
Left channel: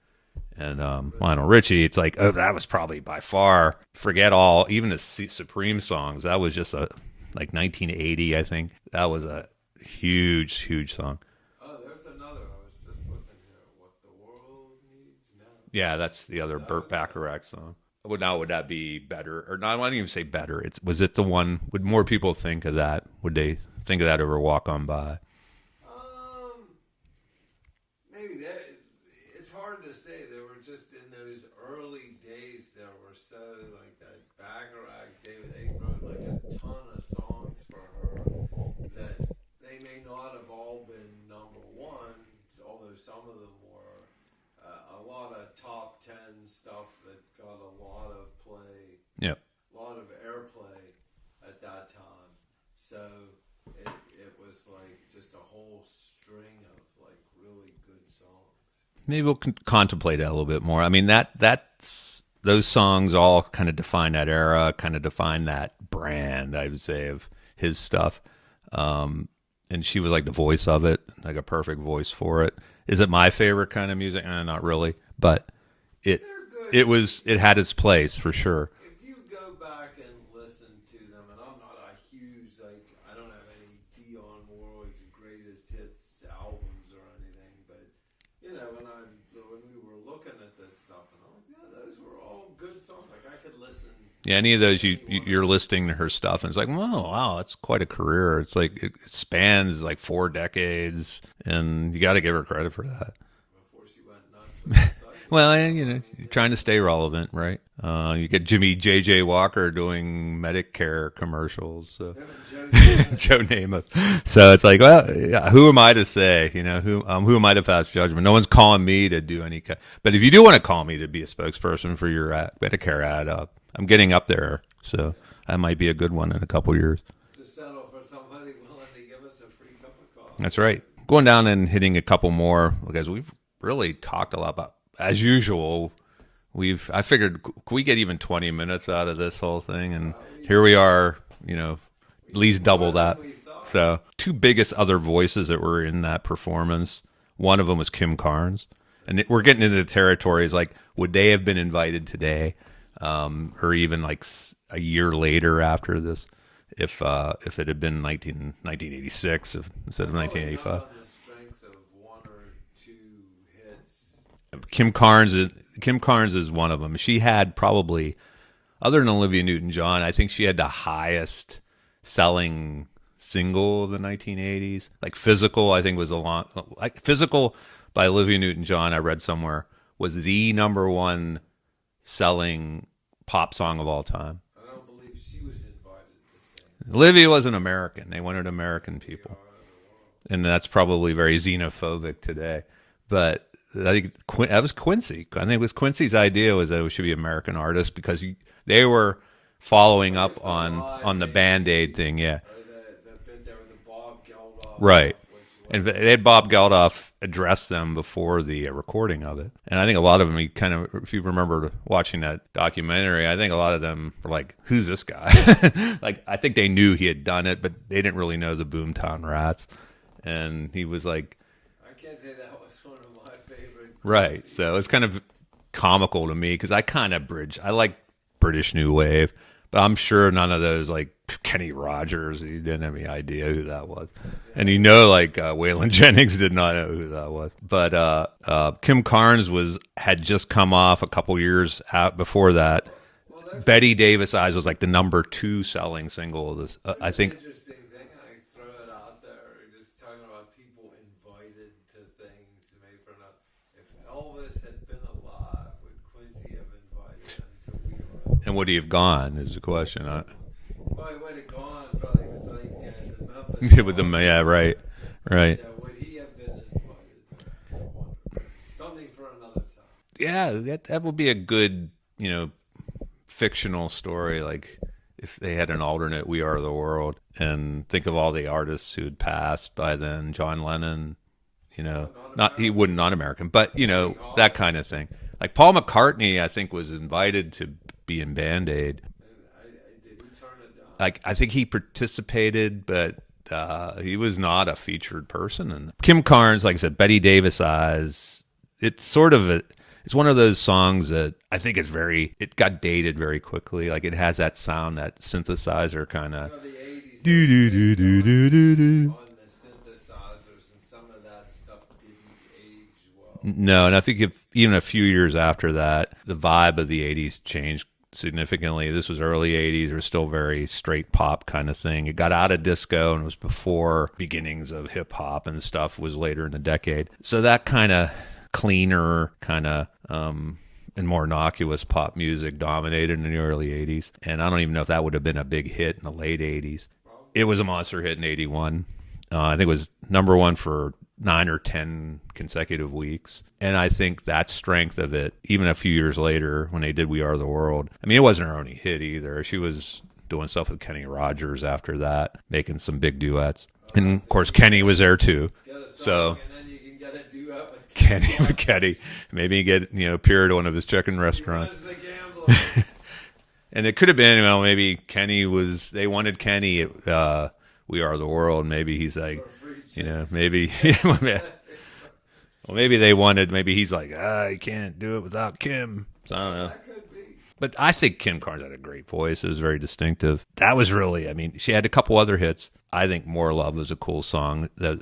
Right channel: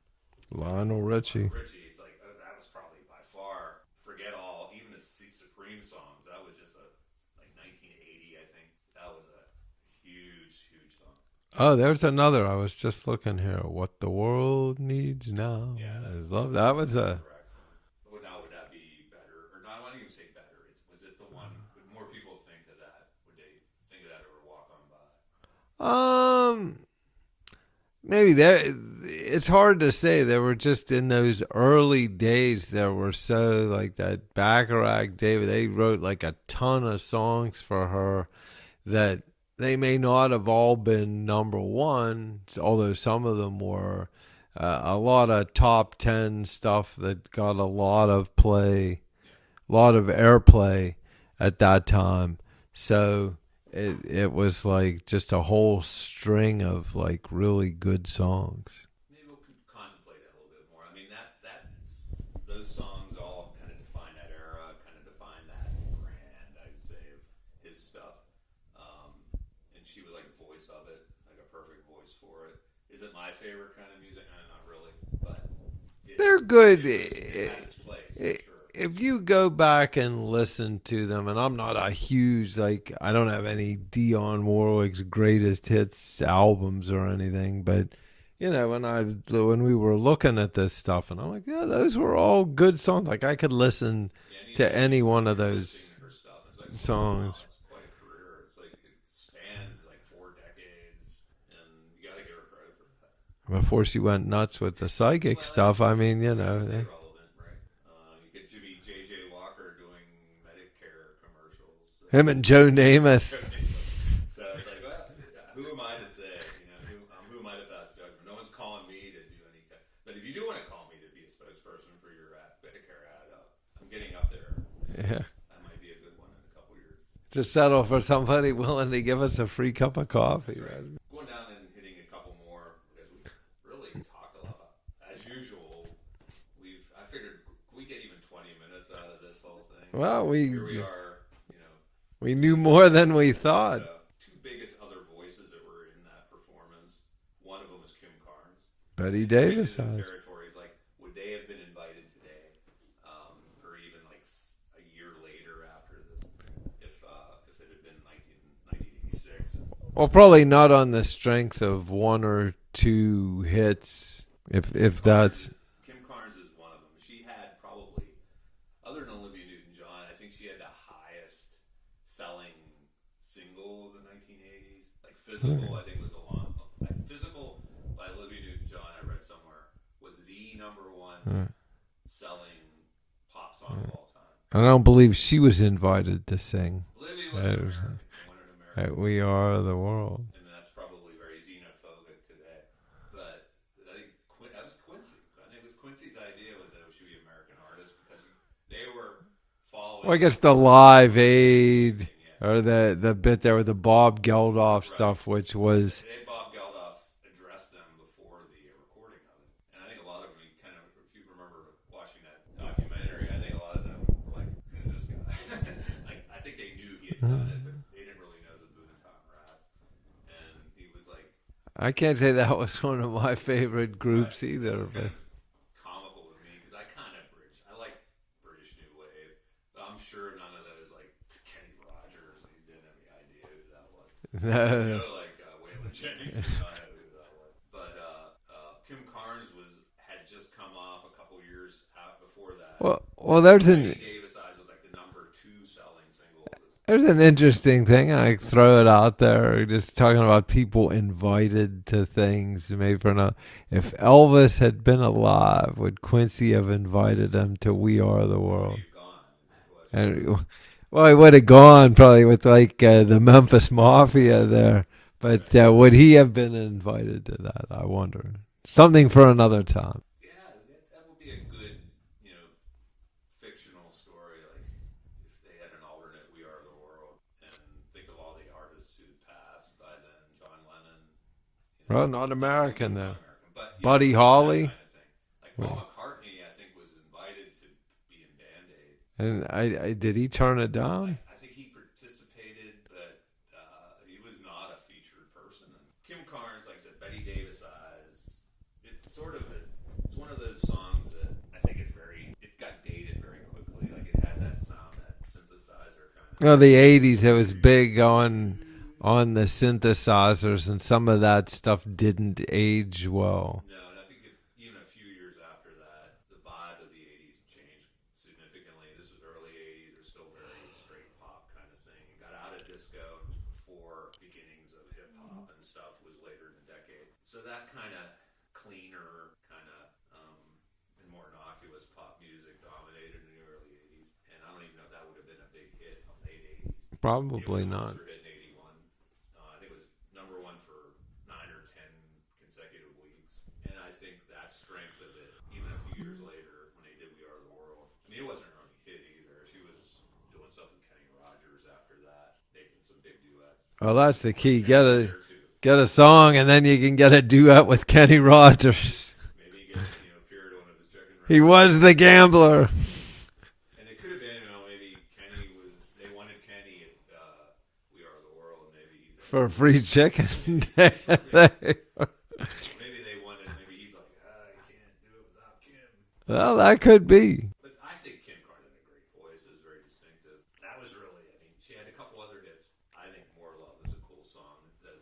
Lionel Richie. It's like, that was probably by far, forget all, even the Supreme songs, that was just like 1980, I think. That was a huge song. Oh, there's another. I was just looking here. What the World Needs Now. Yeah, that's the other Burt Bacharach song. Would that be better? Or not, I wouldn't even say better. Was it the one, would more people think of that? Would they think of that over Walk On By? Maybe it's hard to say. They were just in those early days. There were so like that Bacharach, David. They wrote like a ton of songs for her that they may not have all been number one, although some of them were. A lot of top 10 stuff that got a lot of play, a lot of airplay at that time. So it was like just a whole string of like really good songs. Maybe we'll contemplate that a little bit more. I mean, that's those songs all kind of define that era, kind of define that brand, I would say, of his stuff. And she was like the voice of it, like a perfect voice for it. Is it my favorite kind of music? Not really, but they're good. It had its place for sure. If you go back and listen to them, and I'm not a huge, like, I don't have any Dionne Warwick's greatest hits albums or anything, but you know, when we were looking at this stuff, and I'm like, yeah, those were all good songs. Like I could listen. Yeah, any of those you're listening to her stuff, and it's like, wow, that's quite a career. It's like it spans like 4 decades, and you got to give her credit for that. Before she went nuts with the psychic stuff, I mean, trying to stay relevant, right? You get Jimmy J.J. Walker doing Medicare commercials. So. Him and Joe Namath. Joe Namath. So it's like, well, yeah, who am I to say? You know, who am I to pass judgment? No one's calling me to do any. But if you do want to call me to be a spokesperson for your Medicare ad, I'm getting up there, so that might be a good one in a couple years. To settle for somebody willing to give us a free cup of coffee. That's right. Going down and hitting a couple more, because we've really talked a lot about, as usual. I figured, could we get even 20 minutes out of this whole thing? And here we are, you know, we at least knew more double than that. We thought. So, 2 biggest other voices that were in that performance. One of them was Kim Carnes. And we're getting into the territories like, would they have been invited today, or even like a year later after this? If it had been 1986, well, probably not on the strength of 1 or 2 hits. Kim Carnes is one of them. She had probably, other than Olivia Newton-John, I think she had the highest selling single of the 1980s. Like Physical, I think was Physical by Olivia Newton-John. I read somewhere was the #1 selling pop song of all time. I don't believe she was invited to sing. Olivia was an American. They wanted American. We are the world. And that's probably very xenophobic today. But I think that was Quincy. I think it was Quincy's idea was that it should be American artists because they were following up on the Band-Aid thing, yeah. Or the bit there with the Bob Geldof stuff, which was... They had Bob Geldof address them before the recording of it. And I think a lot of them, if you remember watching that documentary, I think a lot of them were like, who's this guy? Like, I think they knew he had done it, but they didn't really know the Boomtown Rats. And he was like... I can't say that was one of my favorite groups Right, either. so it's kind of comical to me because I kind of I like British New Wave, but I'm sure none of those, like Kenny Rogers, he didn't have any idea who that was. And like Waylon Jennings did not know who that was. But Kim Carnes had just come off a couple years out before that. Well, there's Betty Davis Eyes was like the #2 selling single of this. There's an interesting thing, and I throw it out there, just talking about people invited to things. Maybe if Elvis had been alive, would Quincy have invited him to We Are the World? And would he have gone? Is the question. Well, he would have gone probably with like the Memphis Mafia. Yeah, right. But would he have been invited to that? I wonder. Something for another time. Yeah, that would be a good, fictional story, like if they had an alternate We Are the World, and think of all the artists who had passed by then. John Lennon, not American. Not American, but Buddy Holly. That kind of thing. Like Paul McCartney, I think was invited to be in Band-Aid. And did he turn it down? I think he participated, but he was not a featured person. And Kim Carnes, like I said, Betty Davis Eyes. It's sort of it's one of those songs that I think it got dated very quickly. Like it has that sound, that synthesizer kind of. The 80s, it was big on the synthesizers, and some of that stuff didn't age well. No, and I think even a few years after that, the vibe of the 80s changed significantly. This was early 80s. It was still very straight pop kind of thing. It got out of disco and was before beginnings of hip hop, and stuff was later in the decade. So that kind of cleaner and more innocuous pop music dominated in the early 80s. And I don't even know if that would have been a big hit in the late 80s. Probably. It was a monster hit in 81. I think it was #1 for 9 or 10 consecutive weeks. And I think that strength of it, even a few years later when they did We Are the World, I mean, it wasn't her only hit either. She was doing stuff with Kenny Rogers after that, making some big duets. Well, that's and the of course, key. Kenny was there too. Get a song, and then you can get a duet with Kenny Rogers. Kenny, maybe get appear at one of his chicken restaurants. He was the gambler. And it could have been, maybe Kenny was. They wanted Kenny at We Are the World. Maybe he's like for free chicken. Maybe. Well, maybe they wanted. Maybe he's like, I can't do it without Kim. Well, that could be. But I think Kim Carnes had a great voice. It was very distinctive. That was really, she had a couple other hits. I think More Love was a cool song, the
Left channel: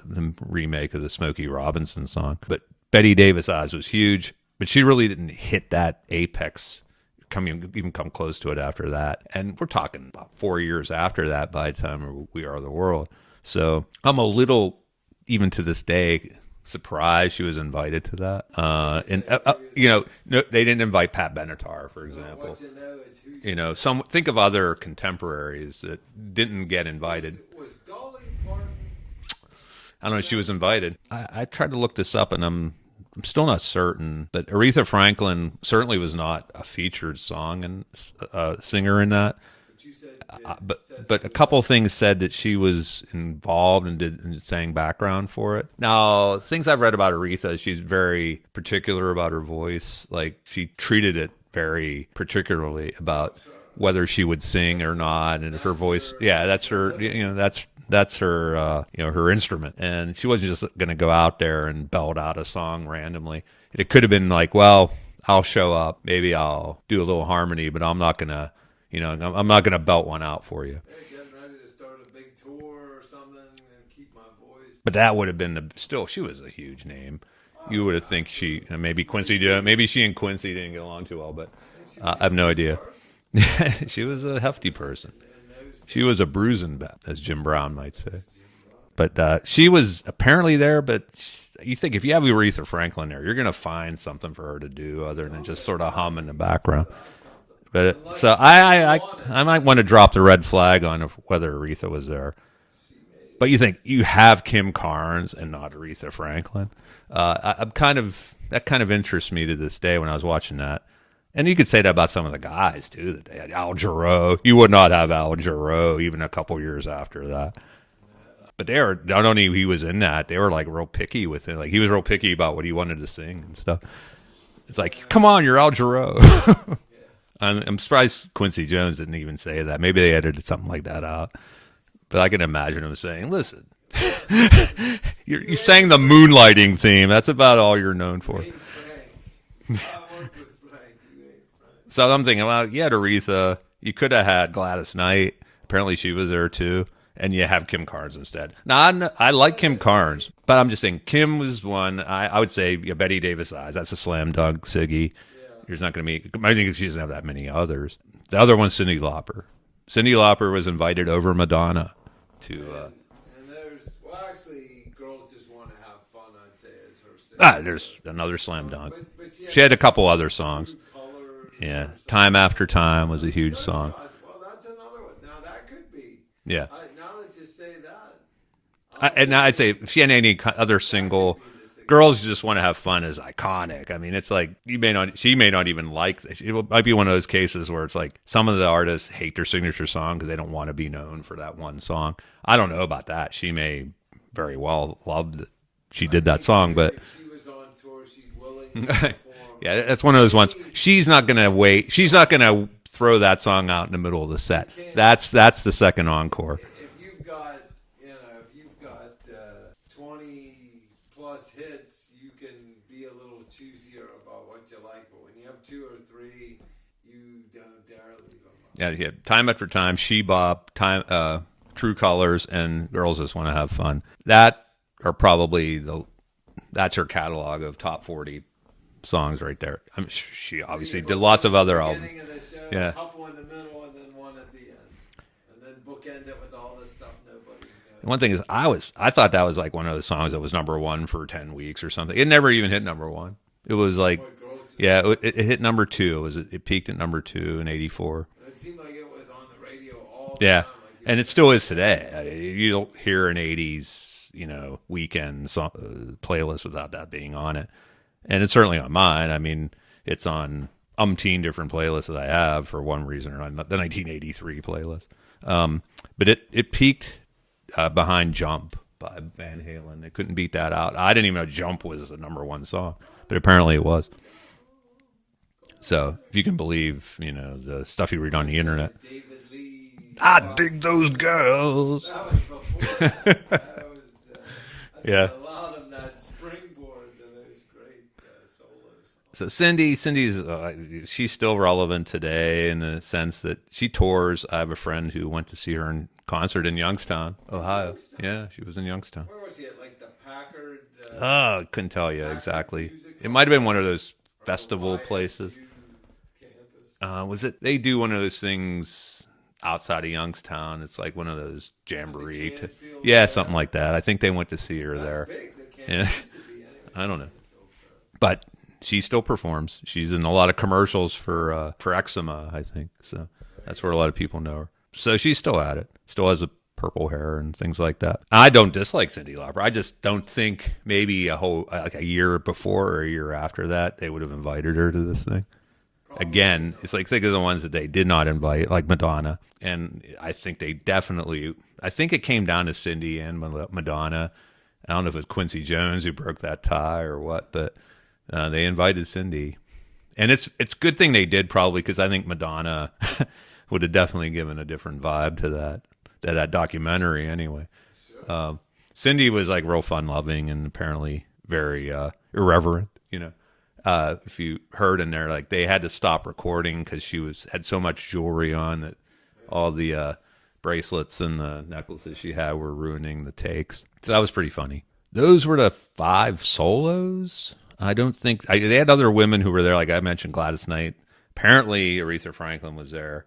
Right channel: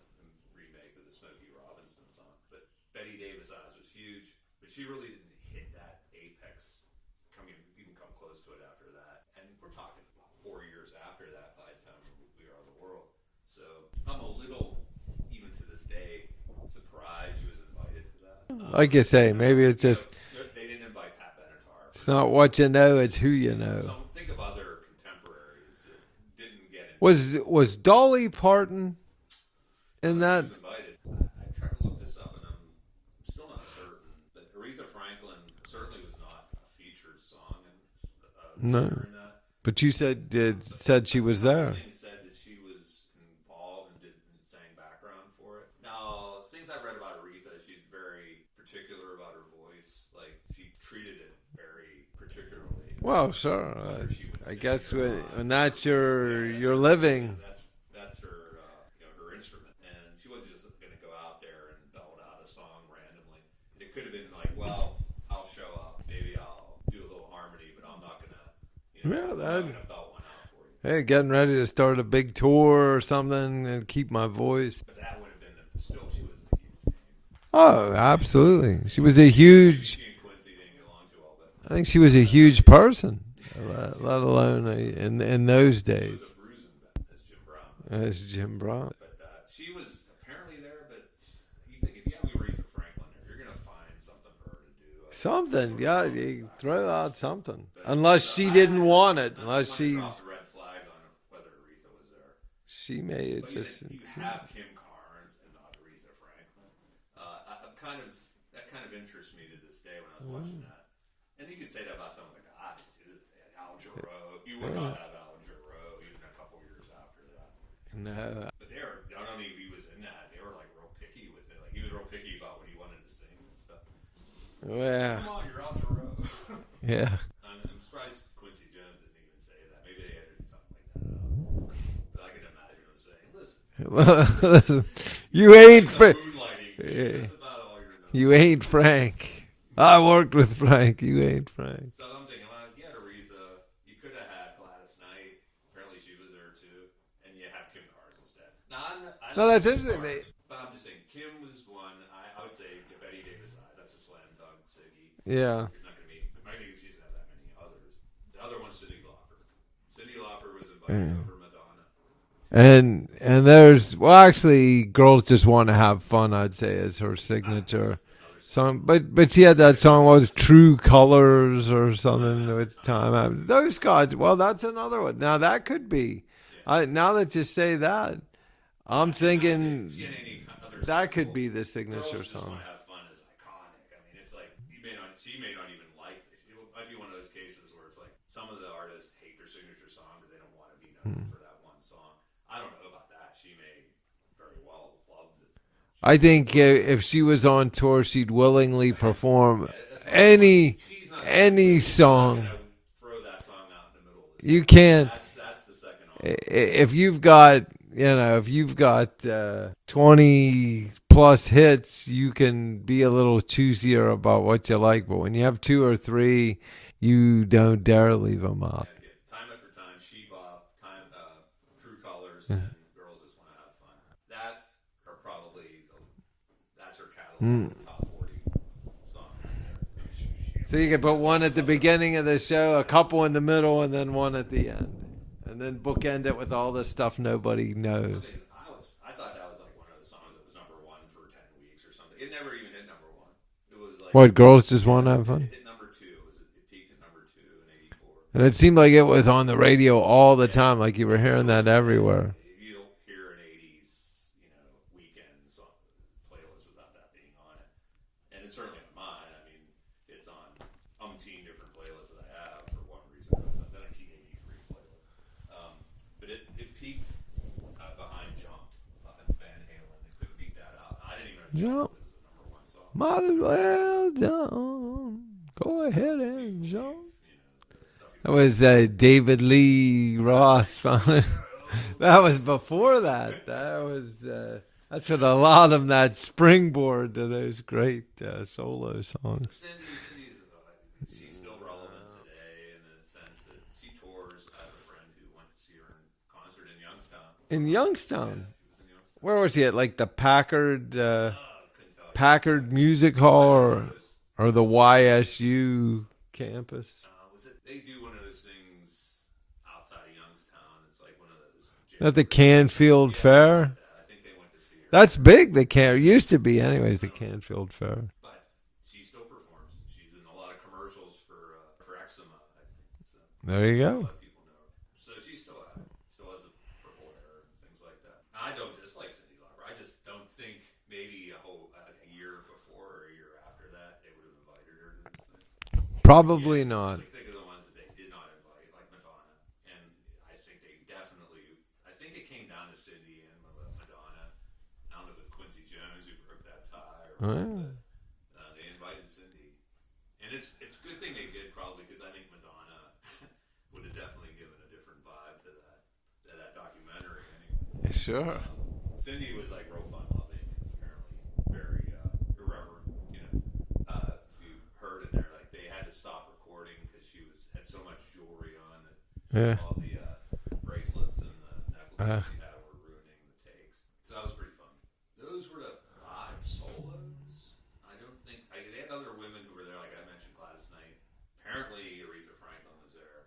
remake of the Smokey Robinson song. But Betty Davis Eyes was huge, but she really didn't hit that apex, even come close to it after that. And we're talking about 4 years after that by the time We Are the World. So I'm a little, even to this day, surprised she was invited to that. Like you say, maybe it's just, no, they didn't invite Pat Benatar. It's not what you know, it's who you know. Think of other contemporaries that didn't get invited. Was Dolly Parton? I don't know. She was invited. I tried to look this up, and I'm still not certain. But Aretha Franklin certainly was not a featured song and singer in that. But you said she was a couple there. things said that she was involved and sang background for it. Now, things I've read about Aretha, she's very particular about her voice. Like, she treated it very particularly about whether she would sing or not, and her voice. That's her living. That's her her instrument, and she wasn't just going to go out there and belt out a song randomly. It could have been like, well, I'll show up, maybe I'll do a little harmony, but I'm not going to. I'm not going to belt one out for you. Hey, getting ready to start a big tour or something and keep my voice. But that would have been she was a huge name. Oh, absolutely. Maybe she and Quincy didn't get along too well, but I think she was a huge person. She was a hefty person. In those days. She was a bruising bat, as Jim Brown might say. As Jim Brown. But she was apparently there, but you think if you have Aretha Franklin there, you're going to find something for her to do other than just sort of hum in the background. Throw out something. But unless she didn't want it. I might want to drop the red flag on whether Aretha was there. She may. But you think you have Kim Carnes and not Aretha Franklin. That kind of interests me to this day when I was watching that. And you could say that about some of the guys too, that they had Al Jarreau. You would not have Al Jarreau even a couple years after that. No. But they were, not only he was in that, they were like real picky with it. Like he was real picky about what he wanted to sing and stuff. It's like, come on, you're Al Jarreau. Yeah. I'm surprised Quincy Jones didn't even say that. Maybe they edited something like that out. But I can imagine him saying, listen, you sang the moonlighting theme. That's about all you're known for. You ain't Frank. I worked with Frank. You ain't Frank. So I'm thinking, well, you had Aretha. You could have had Gladys Knight. Apparently she was there too. And you have Kim Carnes instead. Now, I like Kim Carnes, but I'm just saying Kim was one. I would say Betty Davis Eyes. That's a slam dunk. Siggy. Yeah. There's not going to be. I think she doesn't have that many others. The other one's Cyndi Lauper. Cyndi Lauper was invited over Madonna. And there's actually, Girls Just Want to Have Fun, I'd say, is her signature. There's another slam dunk. But she had that song was True Colors or something. Time After Time was a huge song. Those guys. Well, that's another one. Now that could be. Yeah. Now that you say that, I'd say if she had any other single, Girls Just Want to Have Fun is iconic. I mean, it's like she may not even like this. It might be one of those cases where it's like some of the artists hate their signature song because they don't want to be known for that one song. I don't know about that. She may very well love that she did that song. But if she was on tour, she'd willingly perform. Yeah, that's one of those ones. She's not going to wait. She's not going to throw that song out in the middle of the set. You can't. That's the second encore. If you've got 20 plus hits, you can be a little choosier about what you like. But when you have 2 or 3, you don't dare leave them out. Yeah. Time After Time, She Bop, True Colors, and Girls Just Want to Have Fun. That are probably that's her catalog of top 40 songs right there. I mean, she obviously did lots of other. At the beginning of the show, a couple in the middle, and then one at the end. And then bookend it with all the stuff nobody knows. One thing is, I thought that was like one of the songs that was #1 for 10 weeks or something. It never even hit #1. It was like what, Girls Just Want to Have Fun? It hit #2. It peaked at #2 in '84. And it seemed like it was on the radio all the time, like you were hearing that everywhere. You don't hear an '80s, weekend playlist without that being on it. And it's certainly on mine. I mean, it's on umpteen different playlists that I have for one reason or another. The 1983 playlist. But it peaked behind Jump by Van Halen. They couldn't beat that out. I didn't even know Jump was the #1 song, but apparently it was. So if you can believe, the stuff you read on the internet. David Lee Ross. I dig those girls. That was before that. That's what allowed him that springboard to those great solo songs. So Cindy's she's still relevant today in the sense that she tours. I have a friend who went to see her in concert in Youngstown. Youngstown? Yeah, she was in Youngstown. Where was he at? Like the Packard? Couldn't tell you Packard exactly. Music Hall? It might have been one of those or the YSU campus. Was it? They do one of those things outside of Youngstown. It's like one of those jamborees. At the Canfield Fair? Something like that. I think they went to see her. That's there. big. The used to be, anyways. The Canfield Fair. But she still performs. She's in a lot of commercials for eczema, I think. So that's where a lot of people know her. So she's still at it. Still has a purple hair and things like that. I don't dislike Cyndi Lauper. I just don't think maybe a year before or a year after that they would have invited her to this thing. Probably not. It's like, think of the ones that they did not invite, like Madonna. And I think I think it came down to Cyndi and Madonna. I don't know if it was Quincy Jones who broke that tie or what, but they invited Cyndi. And it's a good thing they did, probably, because I think Madonna would have definitely given a different vibe to that documentary anyway. Sure. Cyndi was like real fun-loving and apparently very irreverent, if you heard in there, like they had to stop recording because she had so much jewelry on that all the bracelets and the necklaces she had were ruining the takes. So that was pretty funny. Those were the 5 solos. I don't think they had other women who were there. Like I mentioned, Gladys Knight. Apparently, Aretha Franklin was there.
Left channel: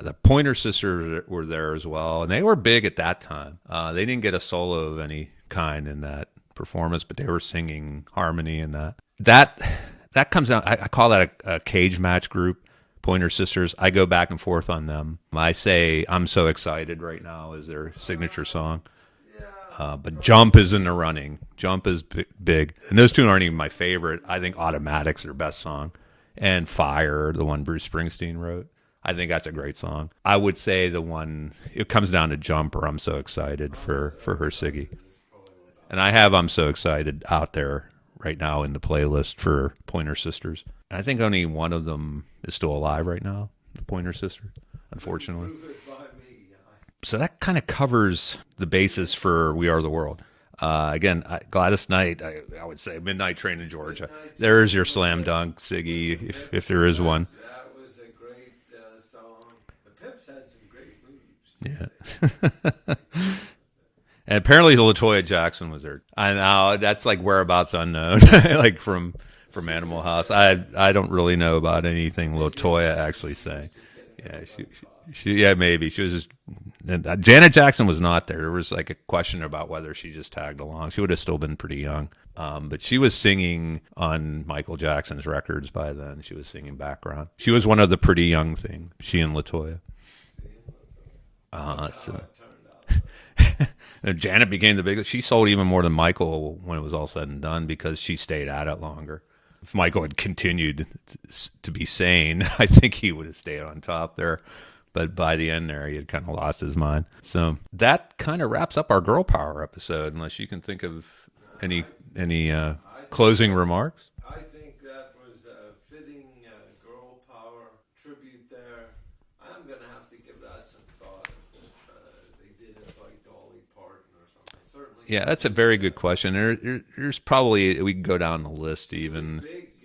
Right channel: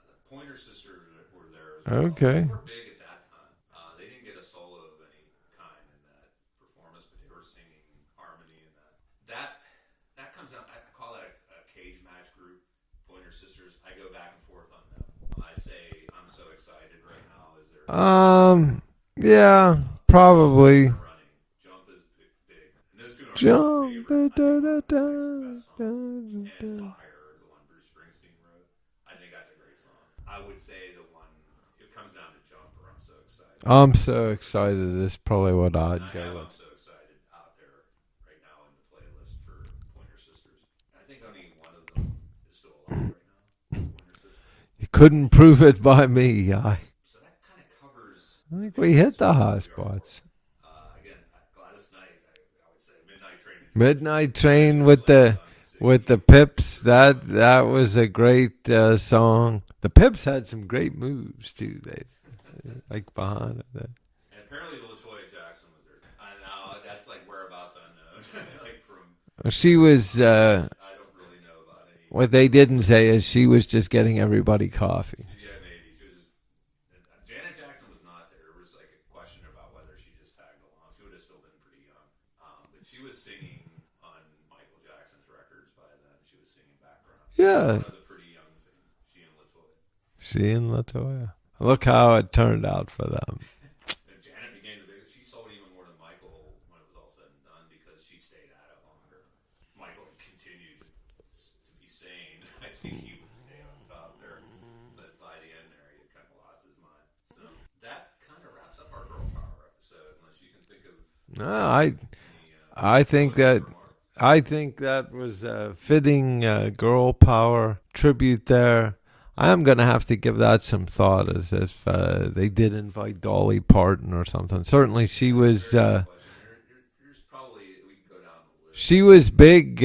The Pointer Sisters were there as well. Okay. And they were big at that time. They didn't get a solo of any kind in that performance, but they were singing harmony in that. That comes out. I call that a cage match group. Pointer Sisters. I go back and forth on them. I say "I'm So Excited" right now is their signature song. Yeah, but probably. Jump is in the running. Jump is big, and those two aren't even my favorite. I think Automatic's their best song, and Fire, the one Bruce Springsteen wrote. I think that's a great song. I would say the one it comes down to Jump or "I'm So Excited." I'm so excited is probably what and I have "I'm So Excited" out there right now in the playlist for Pointer Sisters. And I think only one of them is still alive right now, Pointer Sisters. You couldn't prove it by me. So that kind of covers the basis for We Are the World. Again, Gladys Knight, I would say Midnight Train in Georgia. Midnight Train There's your with slam dunk, Siggy, with the Pips. If there is one. That was a great song. The Pips had some great moves too. Yeah. Like behind it. And apparently LaToya Jackson was there. I know that's like whereabouts unknown, like from she was. I don't really know about anything. What they didn't say is she was just getting everybody coffee. Maybe she was just. Janet Jackson was not there. There was like a question about whether she just tagged along. She would have still been pretty young, but she was singing on Michael Jackson's records by then. She was singing background. Yeah. She was one of the pretty young thing. She and LaToya. Look how it turned out for them. And Janet became the biggest. She sold even more than Michael when it was all said and done because she stayed at it longer. If Michael had continued to be sane, I think he would have stayed on top there. But by the end there, he had kind of lost his mind. So that kind of wraps up our girl power episode, unless you can think of any closing remarks. I think that was a fitting girl power tribute there. I'm going to have to give that some thought as if they did invite Dolly Parton or something. Certainly she was... Yeah, that's a very good question. There's probably... We can go down the list. She was big.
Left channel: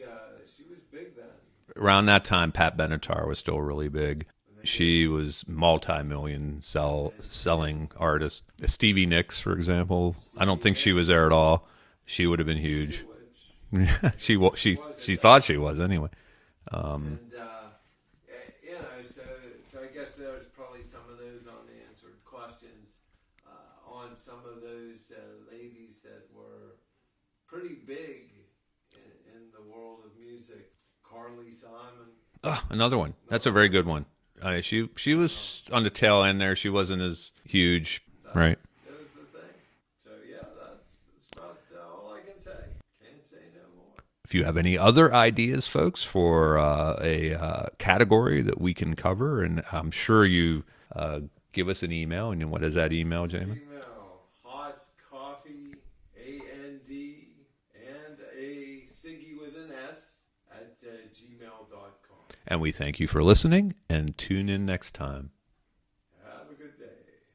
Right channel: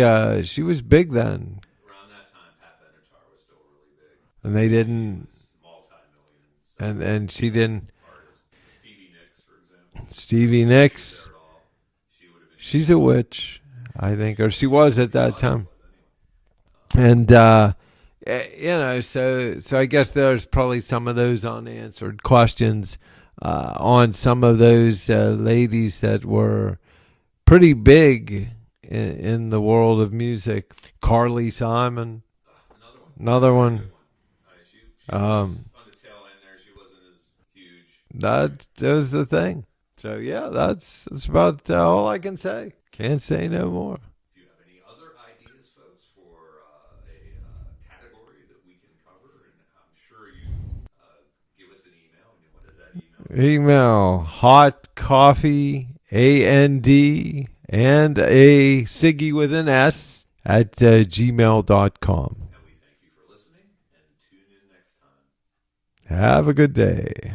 She was big then. Around that time, Pat Benatar was still really big. And she was multi-million selling artist. Stevie Nicks, for example. I don't think she was there at all. She would have been huge. She's a witch, I think. She was at that time. She thought she was anyway. So I guess there's probably some of those unanswered questions on some of those ladies that were pretty big in the world of music. Carly Simon. Another one. That's a very good one. She was on the tail end there. She wasn't as huge. That was the thing. So, yeah, that's about all I can say. Can't say no more. If you have any other ideas, folks, for a category that we can cover, and I'm sure you give us an email. And what is that email, Jay? Email hot coffee and a Siggy with an S at gmail.com. And we thank you for listening, and tune in next time. Have a good day.